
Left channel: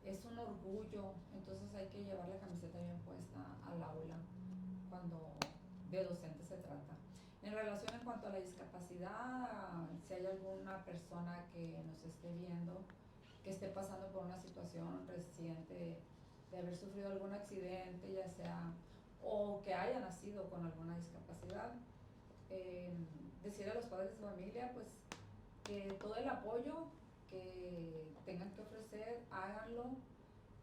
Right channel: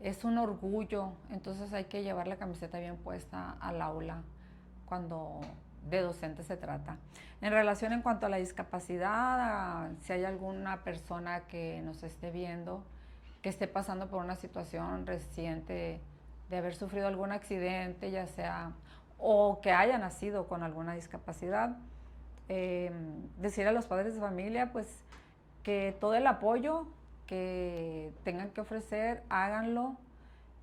es un orgullo, entonces hay que llevar la camiseta bien puesta al aula cuando de docente se trata. En relación en cuanto a la discapacidad, si hay alguna persona que nos esté viendo, que esté pasando por una situación reciente de haber sufrido algún accidente, ya sea, o que haya nacido con alguna discapacidad, decir a los padres de familia, pues, que todo el apoyo que tengan que ofrecer, háganlo.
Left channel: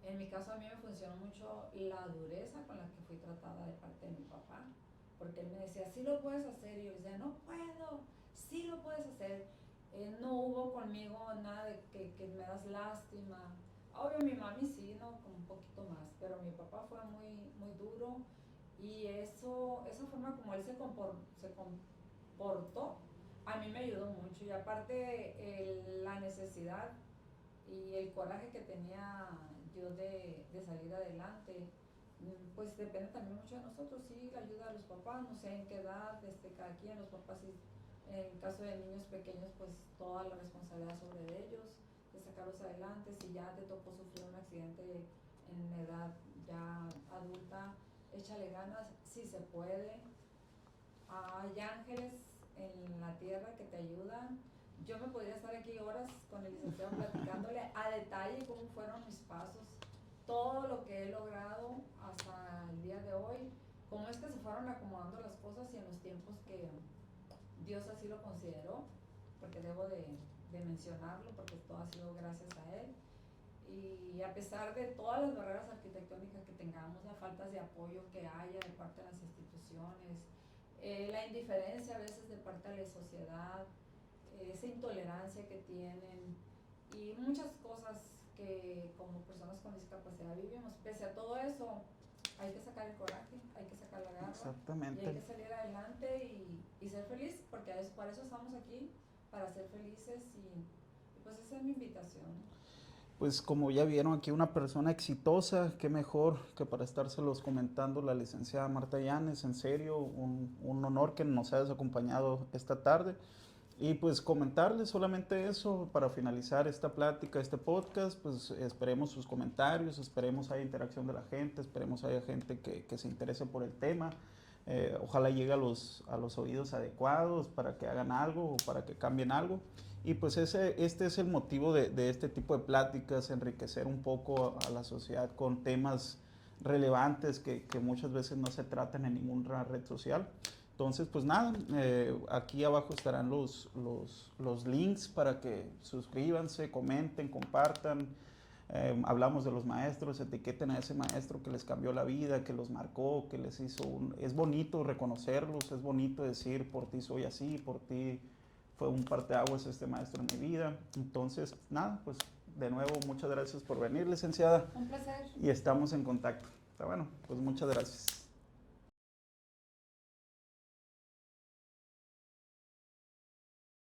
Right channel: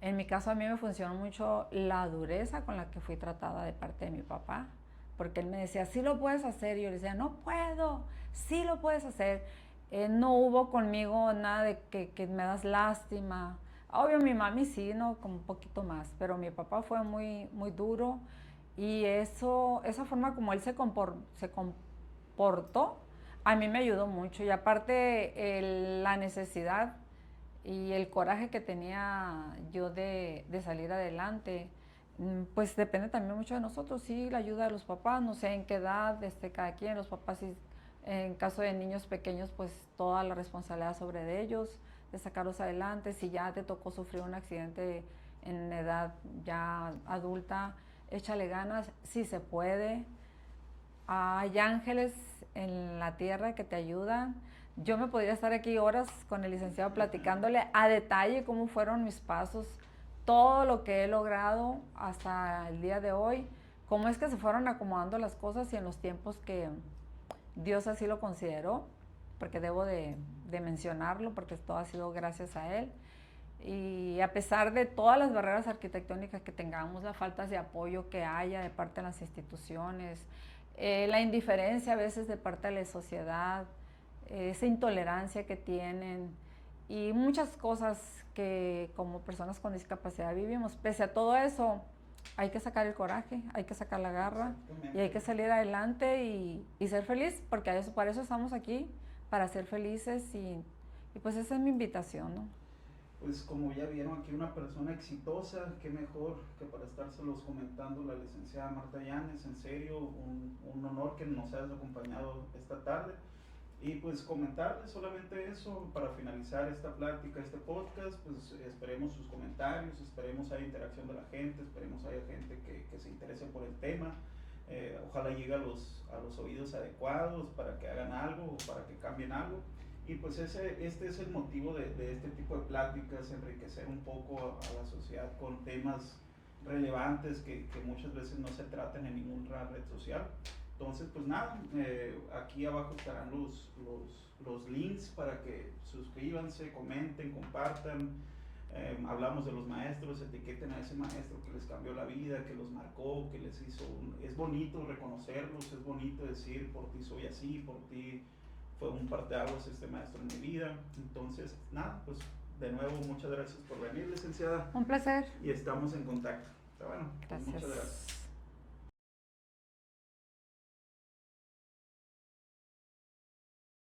En mi caso a mí me funcionó mucho la dureza con la que fui tratada de parte de mi papá, porque él me decía, sí lo puedes hacer, y yo le decía, no puedo, sí lo puedes hacer. No hubo conmigo nada de que me das lástima. Obvio mi mami sí, ¿no? Como un poquito más, pero mi papá fue muy, muy duro y esa forma como él se comportó, a mí me ayudó mucho. Y aparte la necesidad y el coraje que tenía yo de salir adelante, pues depende también mucho de nosotros, sí, la ayuda de los papás, no sé en qué edad, cada quien, los papás, sí, en caso de niños pequeños, pues toda la responsabilidad sobre de ellos, de sacarlos adelante. Si ya te tocó sufrir un accidente en edad ya adulta, échale ganas, si se puede. Hay ángeles en la tierra que te ayudan. Yo me podría estar aquí horas con el licenciado platicándole a detalle cómo fueron mis pasos, todo lo que he logrado hasta el día de hoy, cómo es que se fueron acomodando las cosas y en los tiempos que Dios así lo consideró, porque debo de mencionarlo, porque todo ha sido gracias a Él. Y a pesar de todas las barreras arquitectónicas que tengamos, las faltas de apoyo que haya de parte de las instituciones, la indiferencia a veces de parte de la sociedad, esa intolerancia que tienen y muchas cosas que como personas con discapacidad vivimos, pese a todo eso, hay que sacar el coraje, hay que sacar la garra y hay que salir adelante y ser feliz, porque para eso estamos aquí, para ser felices y pues esa es mi invitación, ¿no? Pues como ya vieron aquí una persona exitosa, qué mejor que para estárselos comentando la licenciada Marta Llanes, en serio, un honor que nos hayas acompañado esta tarde. Y pues comentarles solamente eso para finalizar esta plática, este podcast, pues esperemos sus comentarios, esperemos haya interacción de la gente, esperemos haya gente que se interese por el tema. Ojalá llegue a los oídos adecuados para que hagan algo o para que cambien algo. Y pues este es el motivo de este tipo de pláticas, enriquecer un poco a la sociedad con temas relevantes que muchas veces no se tratan en ninguna red social. Entonces, pues nada, aquí abajo estarán los links para que suscríbanse, comenten, compartan. Hablamos de los maestros, etiqueten a ese maestro que les cambió la vida, que los marcó, que les hizo Es bonito reconocerlos, es bonito decir, por ti soy así, por ti fue un parteaguas este maestro en mi vida. Entonces, nada, pues de nuevo, muchas gracias por venir, licenciada. Un placer. Y estamos en contacto. Está bueno, pues Gracias. muchas gracias.